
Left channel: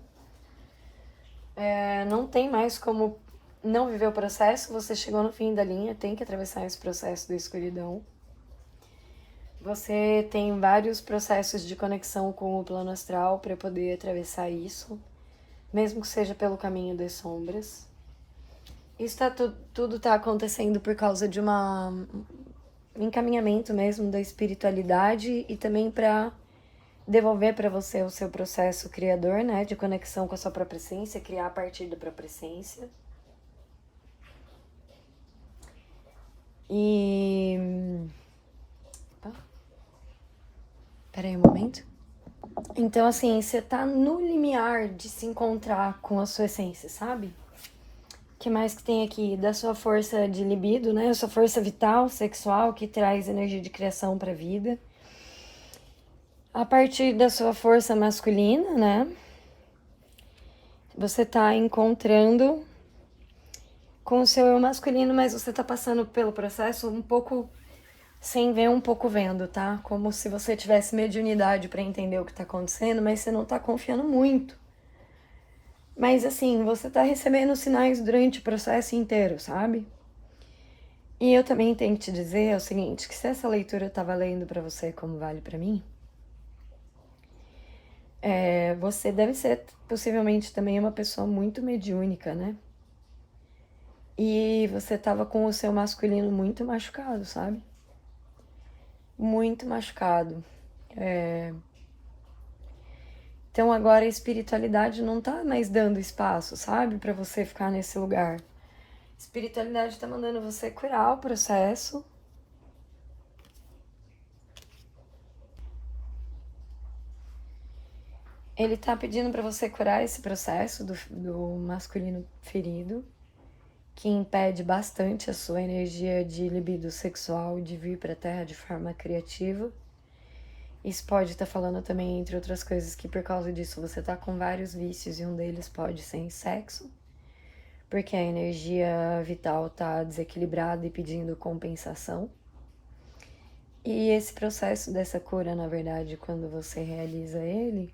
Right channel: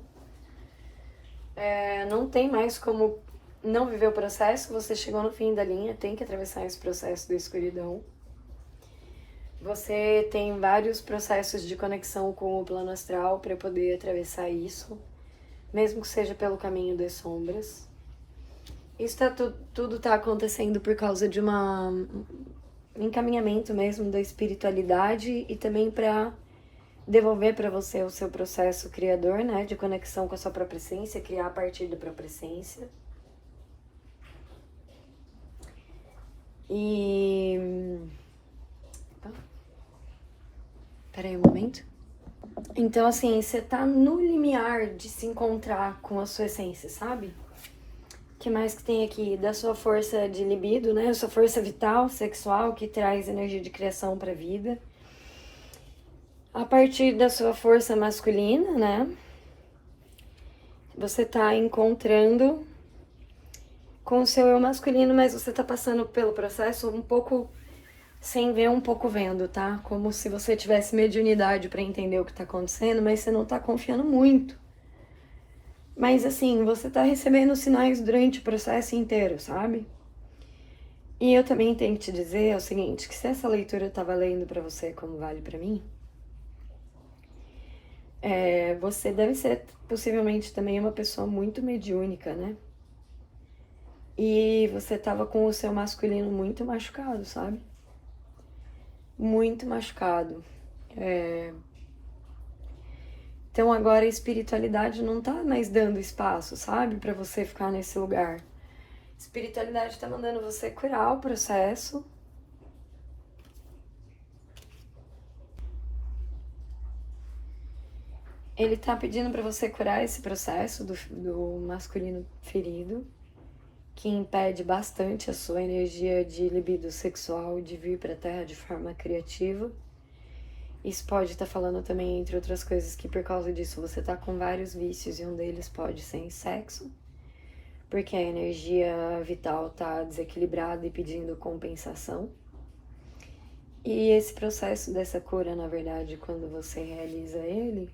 Não tem mais como não viver o processo. Você chegou no fim da linha, tem que atravessar esse processo da escuridão. Você tem vários processos de conexão com o plano astral para poder atravessar isso, mesmo que seja pelo caminho das sombras. Isso tudo tá acontecendo por causa de um encaminhamento mesmo da espiritualidade e também para devolver para você o seu processo criador, né, de conexão com a sua própria essência, criar a partir da própria essência. E peraí um momento. Então, assim, você tá no limiar de se encontrar com a sua essência, sabe? O que mais que tem aqui? Da sua força de libido, né? A sua força vital, sexual, que traz energia de criação pra vida. A partir da sua força masculina, né? Você tá encontrando com o seu eu masculino, mas você tá passando pelo processo um pouco sem ver, um pouco vendo, tá? Como se você tivesse mediunidade pra entender o que tá acontecendo, mas você não tá confiando muito. Mas assim, você tá recebendo sinais durante o processo inteiro, sabe? E eu também tenho que te dizer o seguinte, que se essa leitura tá valendo pra você como vale pra mim, você deve ser possivelmente também uma pessoa muito mediúnica, né? E você tava com o seu masculino muito machucado, sabe? Muito machucado. Então agora a espiritualidade não tá mais dando espaço, sabe? Pra você ficar nesse lugar. A espiritualidade tá mandando você curar o processo. Ele tá pedindo pra você curar esse processo do masculino ferido, que impede bastante a sua energia de libido sexual de vir pra Terra de forma criativa. Isso pode estar falando também, entre outras coisas, que por causa disso você tá com vários vícios e um deles pode ser em sexo, porque a energia vital tá desequilibrada e pedindo compensação. E esse processo dessa cura, na verdade, quando você realiza ele,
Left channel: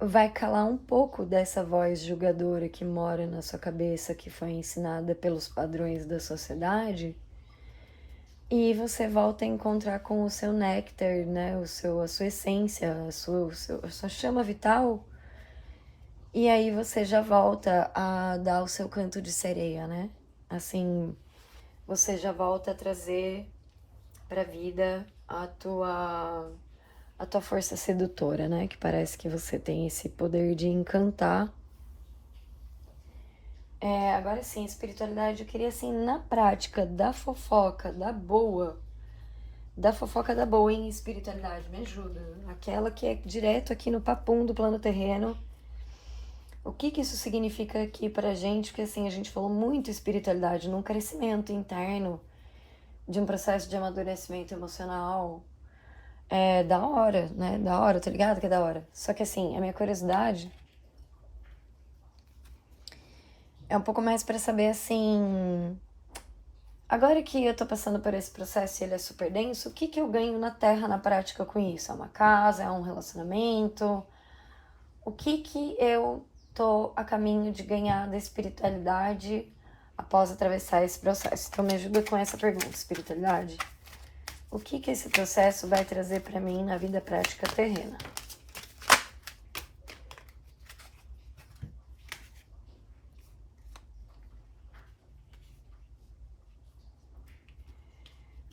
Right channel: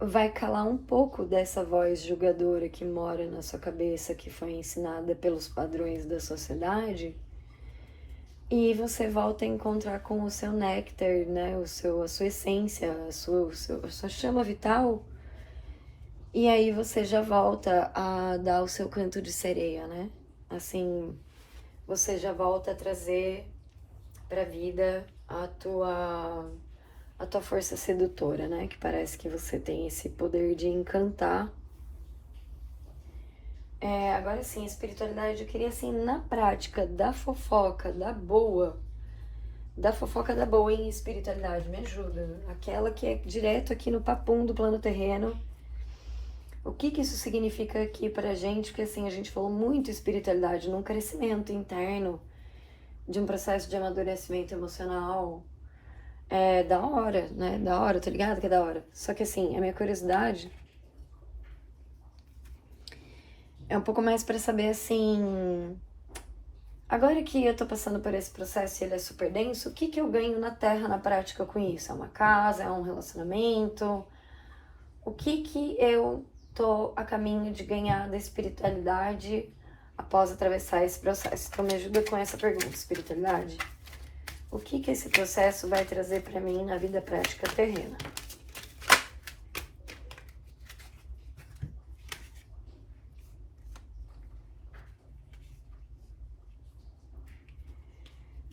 vai calar um pouco dessa voz julgadora que mora na sua cabeça, que foi ensinada pelos padrões da sociedade, e você volta a encontrar com o seu néctar, né, a sua essência, a sua chama vital, e aí você já volta a dar o seu canto de sereia, né? Assim, você já volta a trazer pra vida a tua força sedutora, né? Que parece que você tem esse poder de encantar. Agora sim, espiritualidade, eu queria assim, na prática, da fofoca da boa em espiritualidade, me ajuda. Aquela que é direto aqui no papum do plano terreno. O que isso significa aqui pra gente? Porque assim, a gente falou muito espiritualidade num crescimento interno, de um processo de amadurecimento emocional. É da hora, né? Da hora, tô ligado que é da hora. Só que assim, a minha curiosidade é um pouco mais pra saber assim. Agora que eu tô passando por esse processo e ele é super denso, o que eu ganho na Terra na prática com isso? É uma casa? É um relacionamento? O que eu tô a caminho de ganhar da espiritualidade após atravessar esse processo? Então me ajuda com essa pergunta, espiritualidade. O que esse processo vai trazer pra mim na vida prática terrena?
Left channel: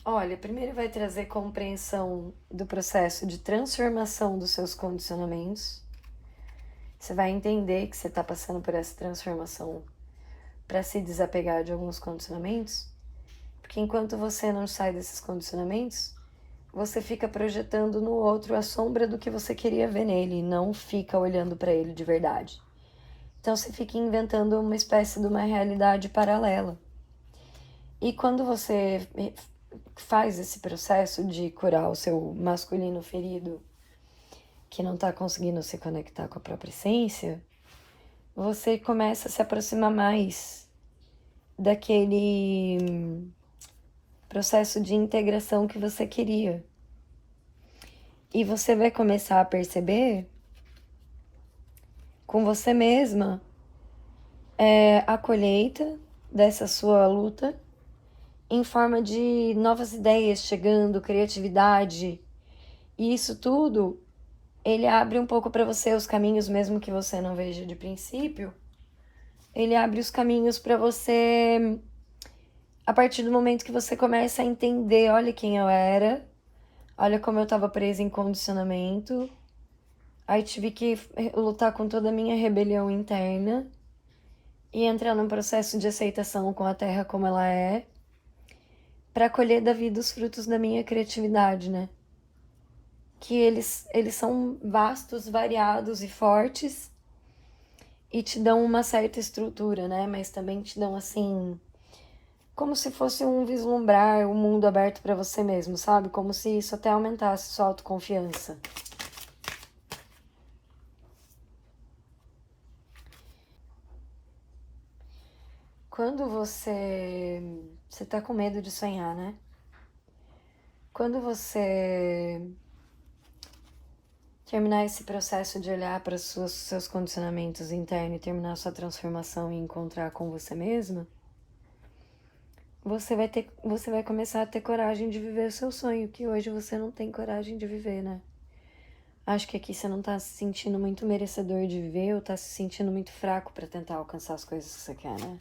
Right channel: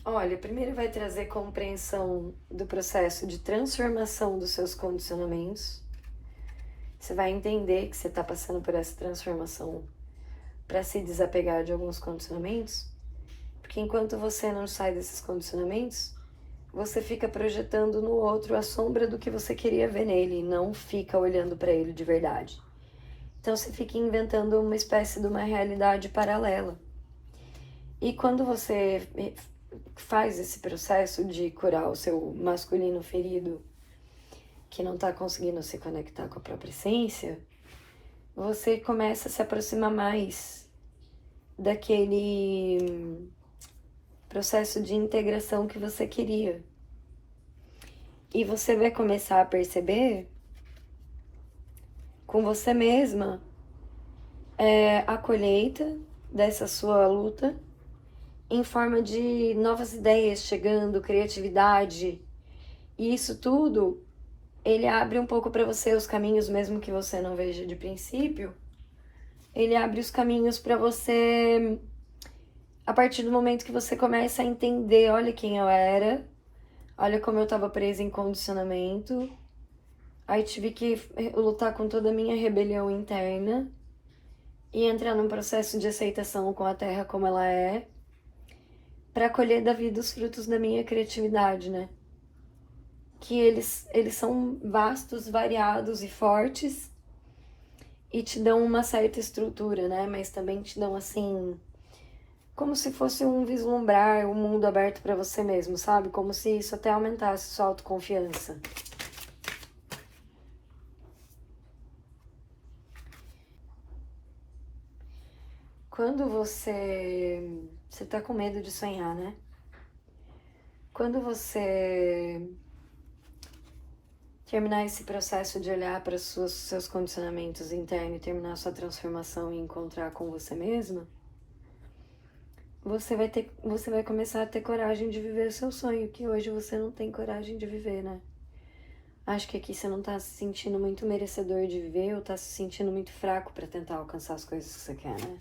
Olha, primeiro vai trazer compreensão do processo de transformação dos seus condicionamentos. Você vai entender que você tá passando por essa transformação para se desapegar de alguns condicionamentos, porque enquanto você não sai desses condicionamentos, você fica projetando no outro a sombra do que você queria ver nele e não fica olhando para ele de verdade. Então você fica inventando uma espécie de uma realidade paralela. E quando você faz esse processo de curar o seu masculino ferido, que não está conseguindo se conectar com a própria essência, você começa a se aproximar mais daquele processo de integração que você queria. E você vai começar a perceber com você mesma a colheita dessa sua luta em forma de novas ideias chegando, criatividade. E isso tudo, ele abre um pouco para você os caminhos, mesmo que você não veja de princípio. Ele abre os caminhos para você a partir do momento que você começa a entender, olha quem eu era, olha como eu estava presa em condicionamento. Aí tive que lutar com toda a minha rebelião interna e entrar num processo de aceitação com a Terra como ela é, para colher da vida os frutos da minha criatividade, né? Que eles são vastos, variados e fortes e te dão uma certa estrutura, né? Mas também te dão, assim, como se fosse um vislumbrar, um mundo aberto para você mesmo, sabe? Como se isso até aumentasse sua autoconfiança. Quando você tá com medo de sonhar, né? Quando você terminar esse processo de olhar para os seus condicionamentos internos e terminar sua transformação e encontrar com você mesma, você vai começar a ter coragem de viver o seu sonho, que hoje você não tem coragem de viver, né? Acho que aqui você não tá se sentindo muito merecedor de viver ou tá se sentindo muito fraco para tentar alcançar as coisas que você quer, né?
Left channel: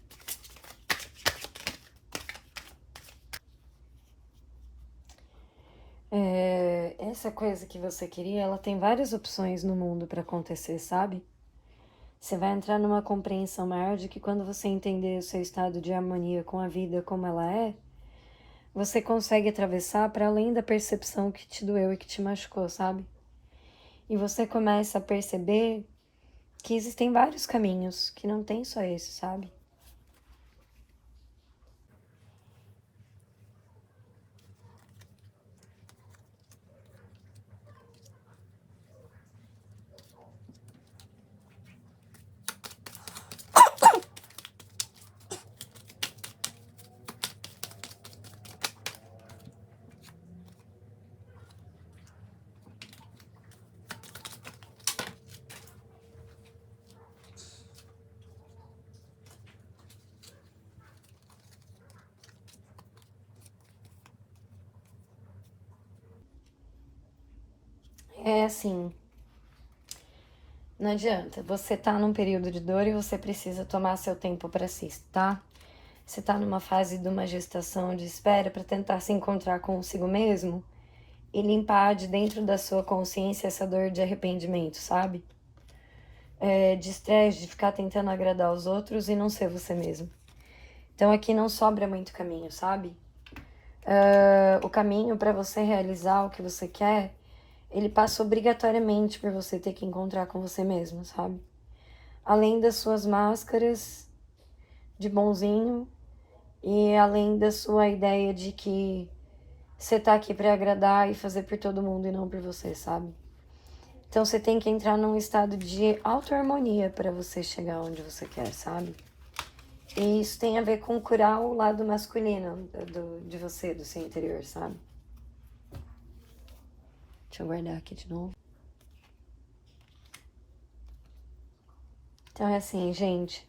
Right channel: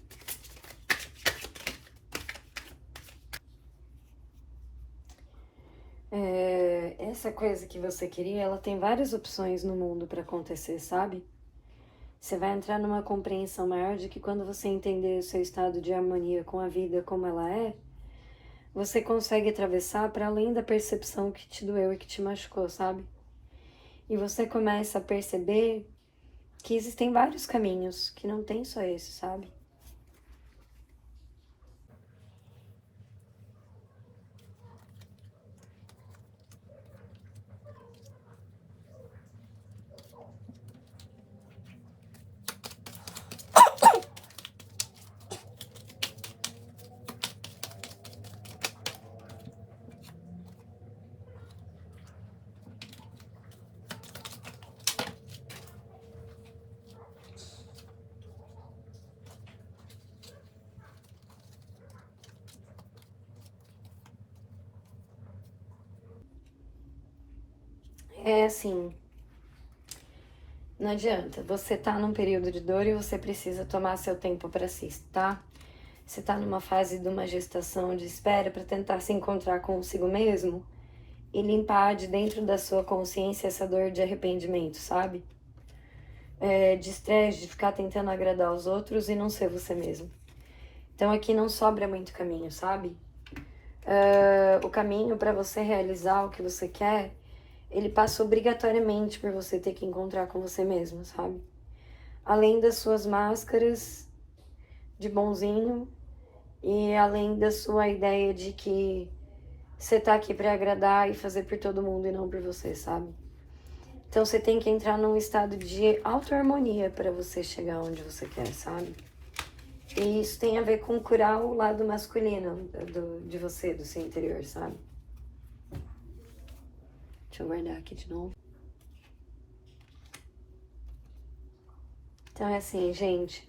Essa coisa que você queria, ela tem várias opções no mundo para acontecer, sabe? Você vai entrar numa compreensão maior de que quando você entender o seu estado de harmonia com a vida como ela é, você consegue atravessar para além da percepção que te doeu e que te machucou, sabe? E você começa a perceber que existem vários caminhos, que não tem só esse, sabe? É assim, não adianta. Você tá num período de dor e você precisa tomar seu tempo para si, tá? Você tá numa fase de uma gestação de espera para tentar se encontrar consigo mesmo e limpar de dentro da sua consciência essa dor de arrependimento, sabe? De estresse, de ficar tentando agradar os outros e não ser você mesmo. Então aqui não sobra muito caminho, sabe? O caminho para você realizar o que você quer, ele passa obrigatoriamente por você ter que encontrar com você mesmo, sabe? Além das suas máscaras de bonzinho e além da sua ideia de que você tá aqui para agradar e fazer por todo mundo e não por você, sabe? Então você tem que entrar num estado de auto-harmonia para você chegar onde você quer, sabe? E isso tem a ver com curar o lado masculino de você, do seu interior, sabe? Deixa eu guardar aqui de novo. Então é assim, gente.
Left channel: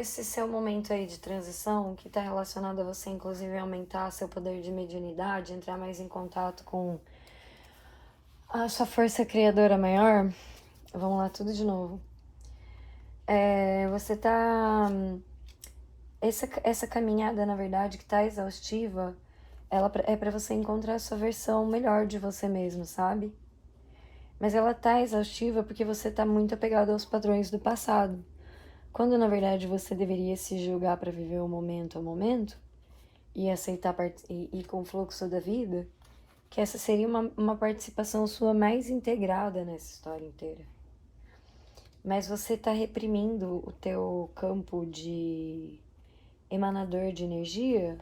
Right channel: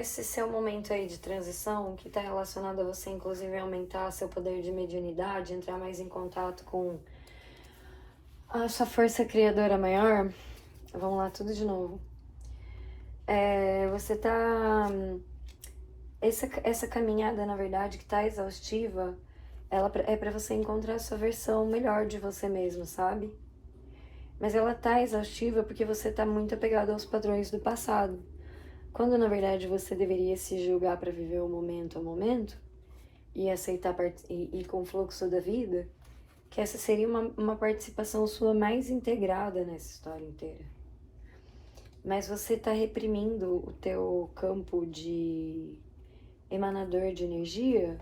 Esse seu momento aí de transição, que tá relacionado a você, inclusive, aumentar seu poder de mediunidade, entrar mais em contato com a sua força criadora maior. Vamos lá, tudo de novo. Você tá. Essa caminhada, na verdade, que tá exaustiva, ela é para você encontrar a sua versão melhor de você mesmo, sabe? Mas ela tá exaustiva porque você tá muito apegado aos padrões do passado. Quando na verdade você deveria se julgar para viver o momento a momento e aceitar e ir com o fluxo da vida, que essa seria uma participação sua mais integrada nessa história inteira. Mas você tá reprimindo o teu campo de emanador de energia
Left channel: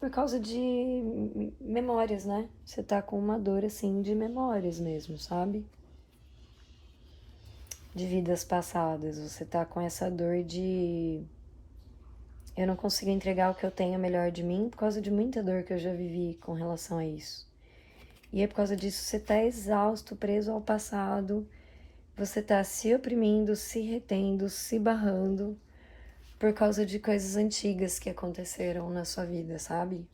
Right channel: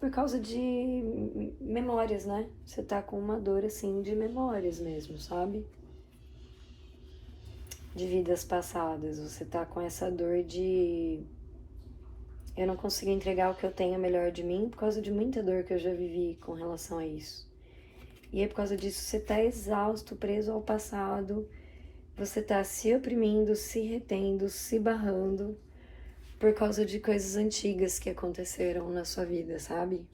por causa de memórias, né? Você tá com uma dor assim de memórias mesmo, sabe? De vidas passadas. Você tá com essa dor de eu não consigo entregar o que eu tenho melhor de mim por causa de muita dor que eu já vivi com relação a isso. E é por causa disso você tá exausto, preso ao passado, você tá se oprimindo, se retendo, se barrando por causa de coisas antigas que aconteceram na sua vida, sabe?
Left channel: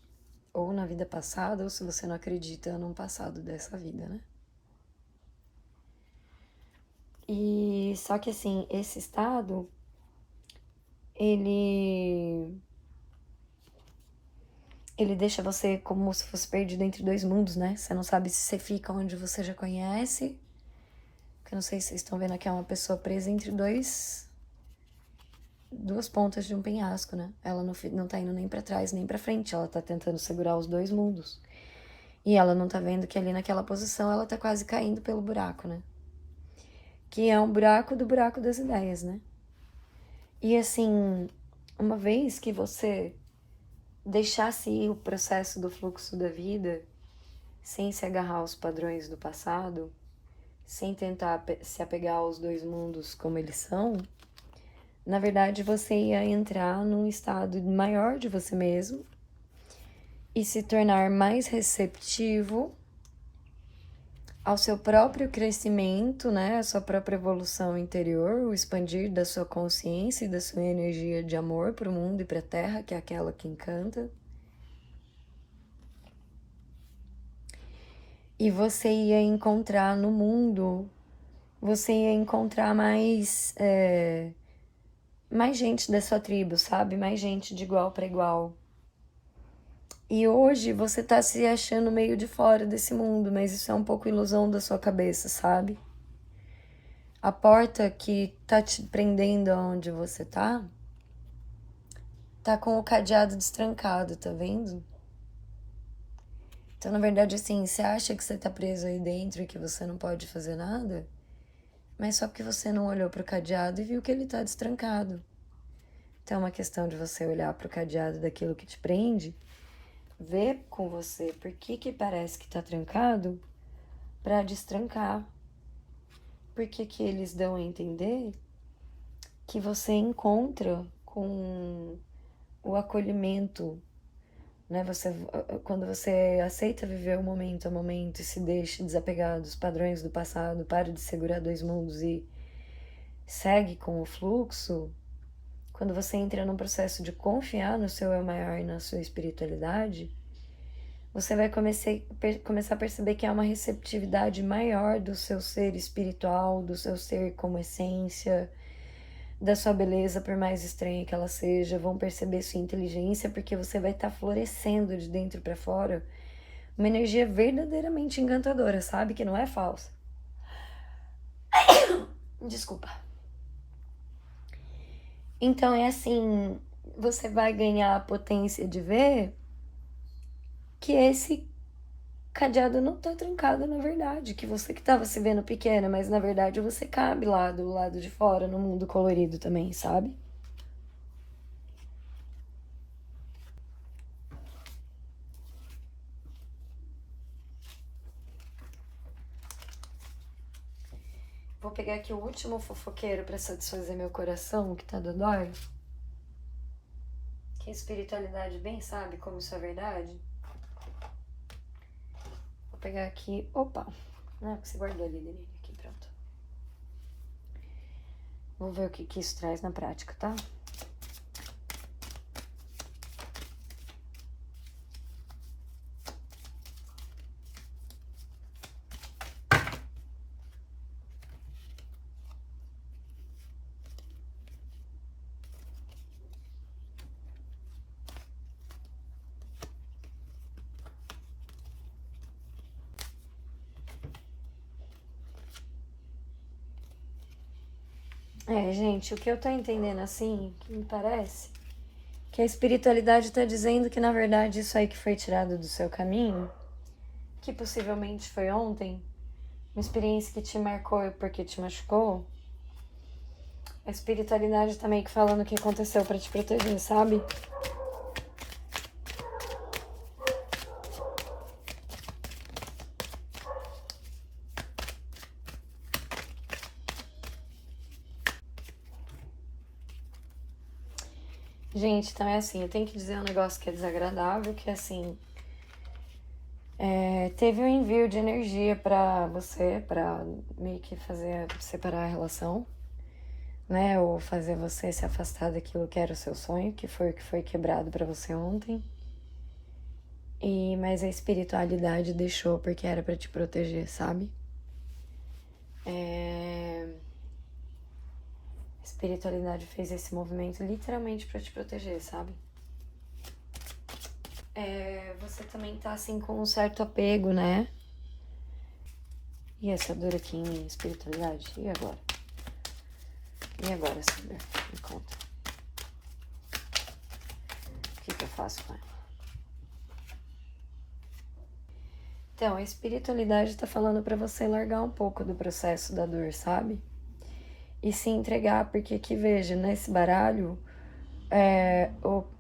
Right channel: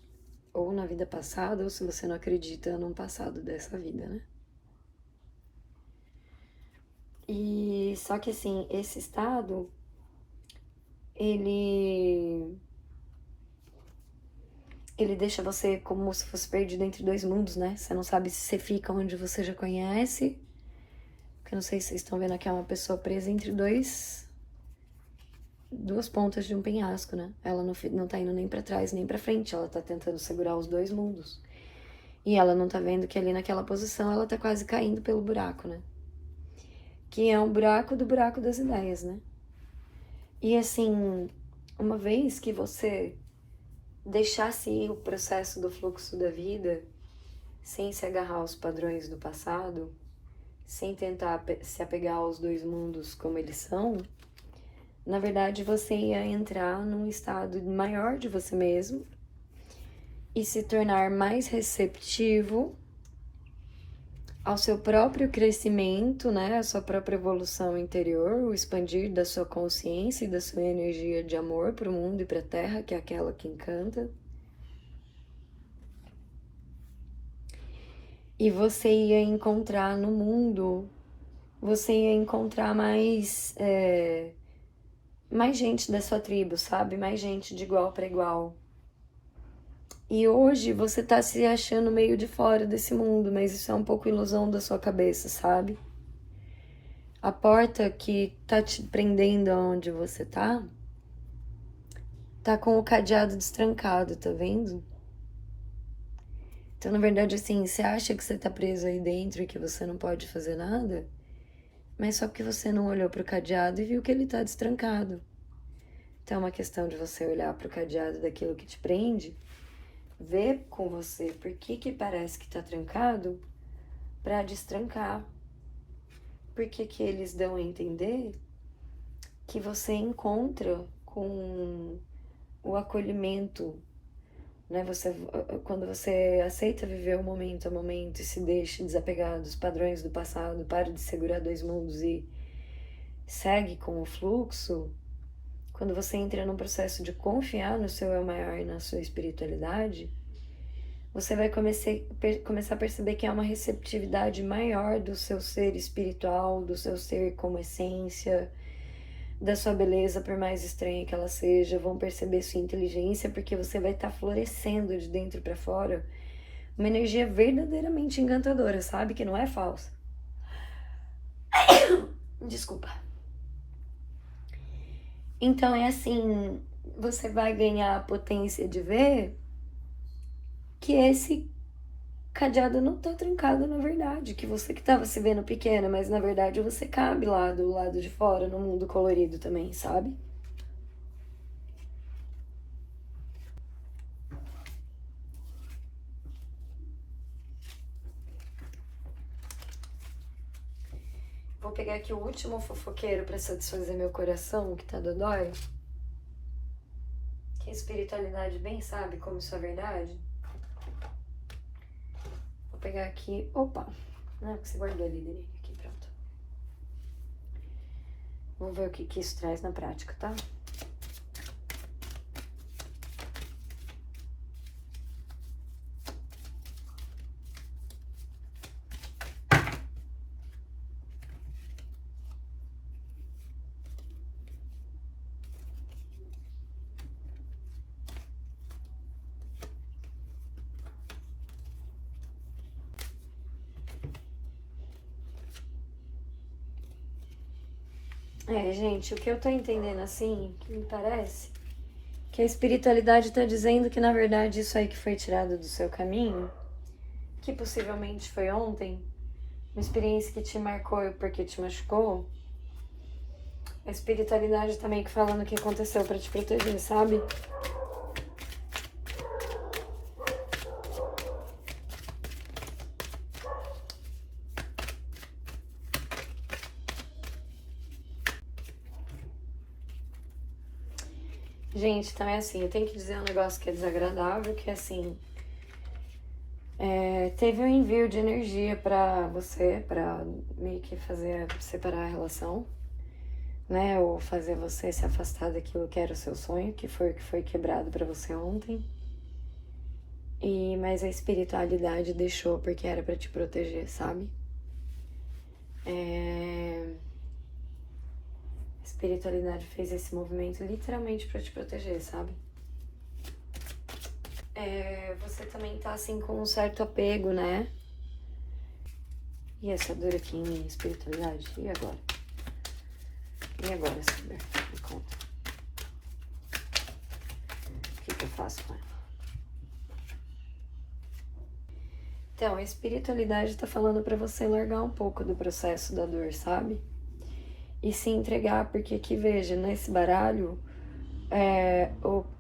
Ou na vida passada, ou se você não acredita num passado dessa vida, né? E só que assim, esse estado, ele deixa você como se fosse perdido entre dois mundos, né? Você não sabe se você fica onde você já conhece. Que eu não sei se vocês estão vendo aqui, é uma pessoa presa entre duas pontas de um penhasco, né? Ela não tá indo nem pra trás nem pra frente, ela tá tentando segurar os dois mundos. E ela não tá vendo que ali naquela posição ela tá quase caindo pelo buraco, né? Que é um buraco do buraco das ideias, né? E assim, uma vez que você deixasse ir o processo do fluxo da vida, sem se agarrar aos padrões do passado, sem tentar se apegar aos dois mundos como eles são, na verdade você ia entrar num estado maior de você mesmo e se tornar mais receptivo ao seu próprio crescimento, né, a sua própria evolução interior, o expandir da sua consciência e da sua energia de amor para o mundo e para a Terra, que é aquela que encanta. E você ia encontrar no mundo, você ia encontrar mais gente da sua tribo, sabe? Mais gente de igual para igual. E hoje você tá se achando meio de fora desse mundo, mas isso é um pouco ilusão da sua cabeça, sabe? A porta que tá te prendendo aonde você tá com o cadeado destrancado, tá vendo? Então, na verdade, assim, você acha que você tá preso aí dentro e que você não pode fazer nada, mas só porque você não olhou pro cadeado e viu que ele tá destrancado. Então, é uma questão de você olhar pro cadeado daquilo que te prende, ver com você por que parece que tá trancado, pra destrancar. Por que eles dão a entender que você encontra com o acolhimento, né? Quando você aceita viver o momento a momento e se deixa desapegar dos padrões do passado, para de segurar dois mundos e segue com o fluxo, quando você entra num processo de confiar no seu eu maior e na sua espiritualidade, você vai começar a perceber que há uma receptividade maior do seu ser espiritual, do seu ser como essência, da sua beleza, por mais estranha que ela seja, vão perceber sua inteligência, porque você vai estar florescendo de dentro para fora uma energia verdadeiramente encantadora, sabe? Que não é falsa. Desculpa. Então é assim, você vai ganhar a potência de ver que esse cadeado não tá trancado na verdade, que você que tava se vendo pequena, mas na verdade você cabe lá do lado de fora, no mundo colorido também, sabe? Vou pegar aqui o último fofoqueiro pra satisfazer meu coração, que tá dodói. Que a espiritualidade bem sabe como isso é verdade. Vou pegar aqui, opa, não é porque você guardou ali, Denise, aqui, pronto. Vamos ver o que isso traz na prática, tá? Gente, o que eu tô entendendo assim, que me parece, que a espiritualidade tá dizendo que na verdade isso aí que foi tirado do seu caminho, que possivelmente foi ontem, uma experiência que te marcou porque te machucou, a espiritualidade tá meio que falando o que aconteceu pra te proteger, sabe? Gente, então é assim, eu tenho que dizer um negócio que é desagradável, que é assim, teve um envio de energia pra você, pra meio que fazer separar a relação, né? Ou fazer você se afastar daquilo que era o seu sonho, que foi o que foi quebrado pra você ontem. Mas a espiritualidade deixou porque era pra te proteger, sabe? A espiritualidade fez esse movimento literalmente pra te proteger, sabe? Você também tá assim com um certo apego, né? E essa dor aqui em espiritualidade? E agora? E agora, Saber? Me conta. O que eu faço com ela? Então, a espiritualidade tá falando pra você largar um pouco do processo da dor, sabe? E se entregar, porque aqui, veja, nesse baralho,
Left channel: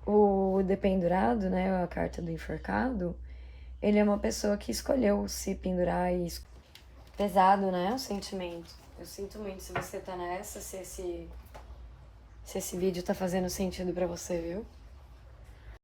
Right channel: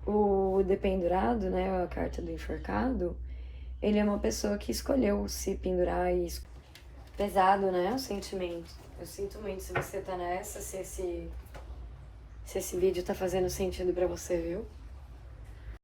o dependurado, né, a carta do enforcado, ele é uma pessoa que escolheu se pendurar e pesado, né, o sentimento. Eu sinto muito se você tá nessa, se esse vídeo tá fazendo sentido pra você, viu?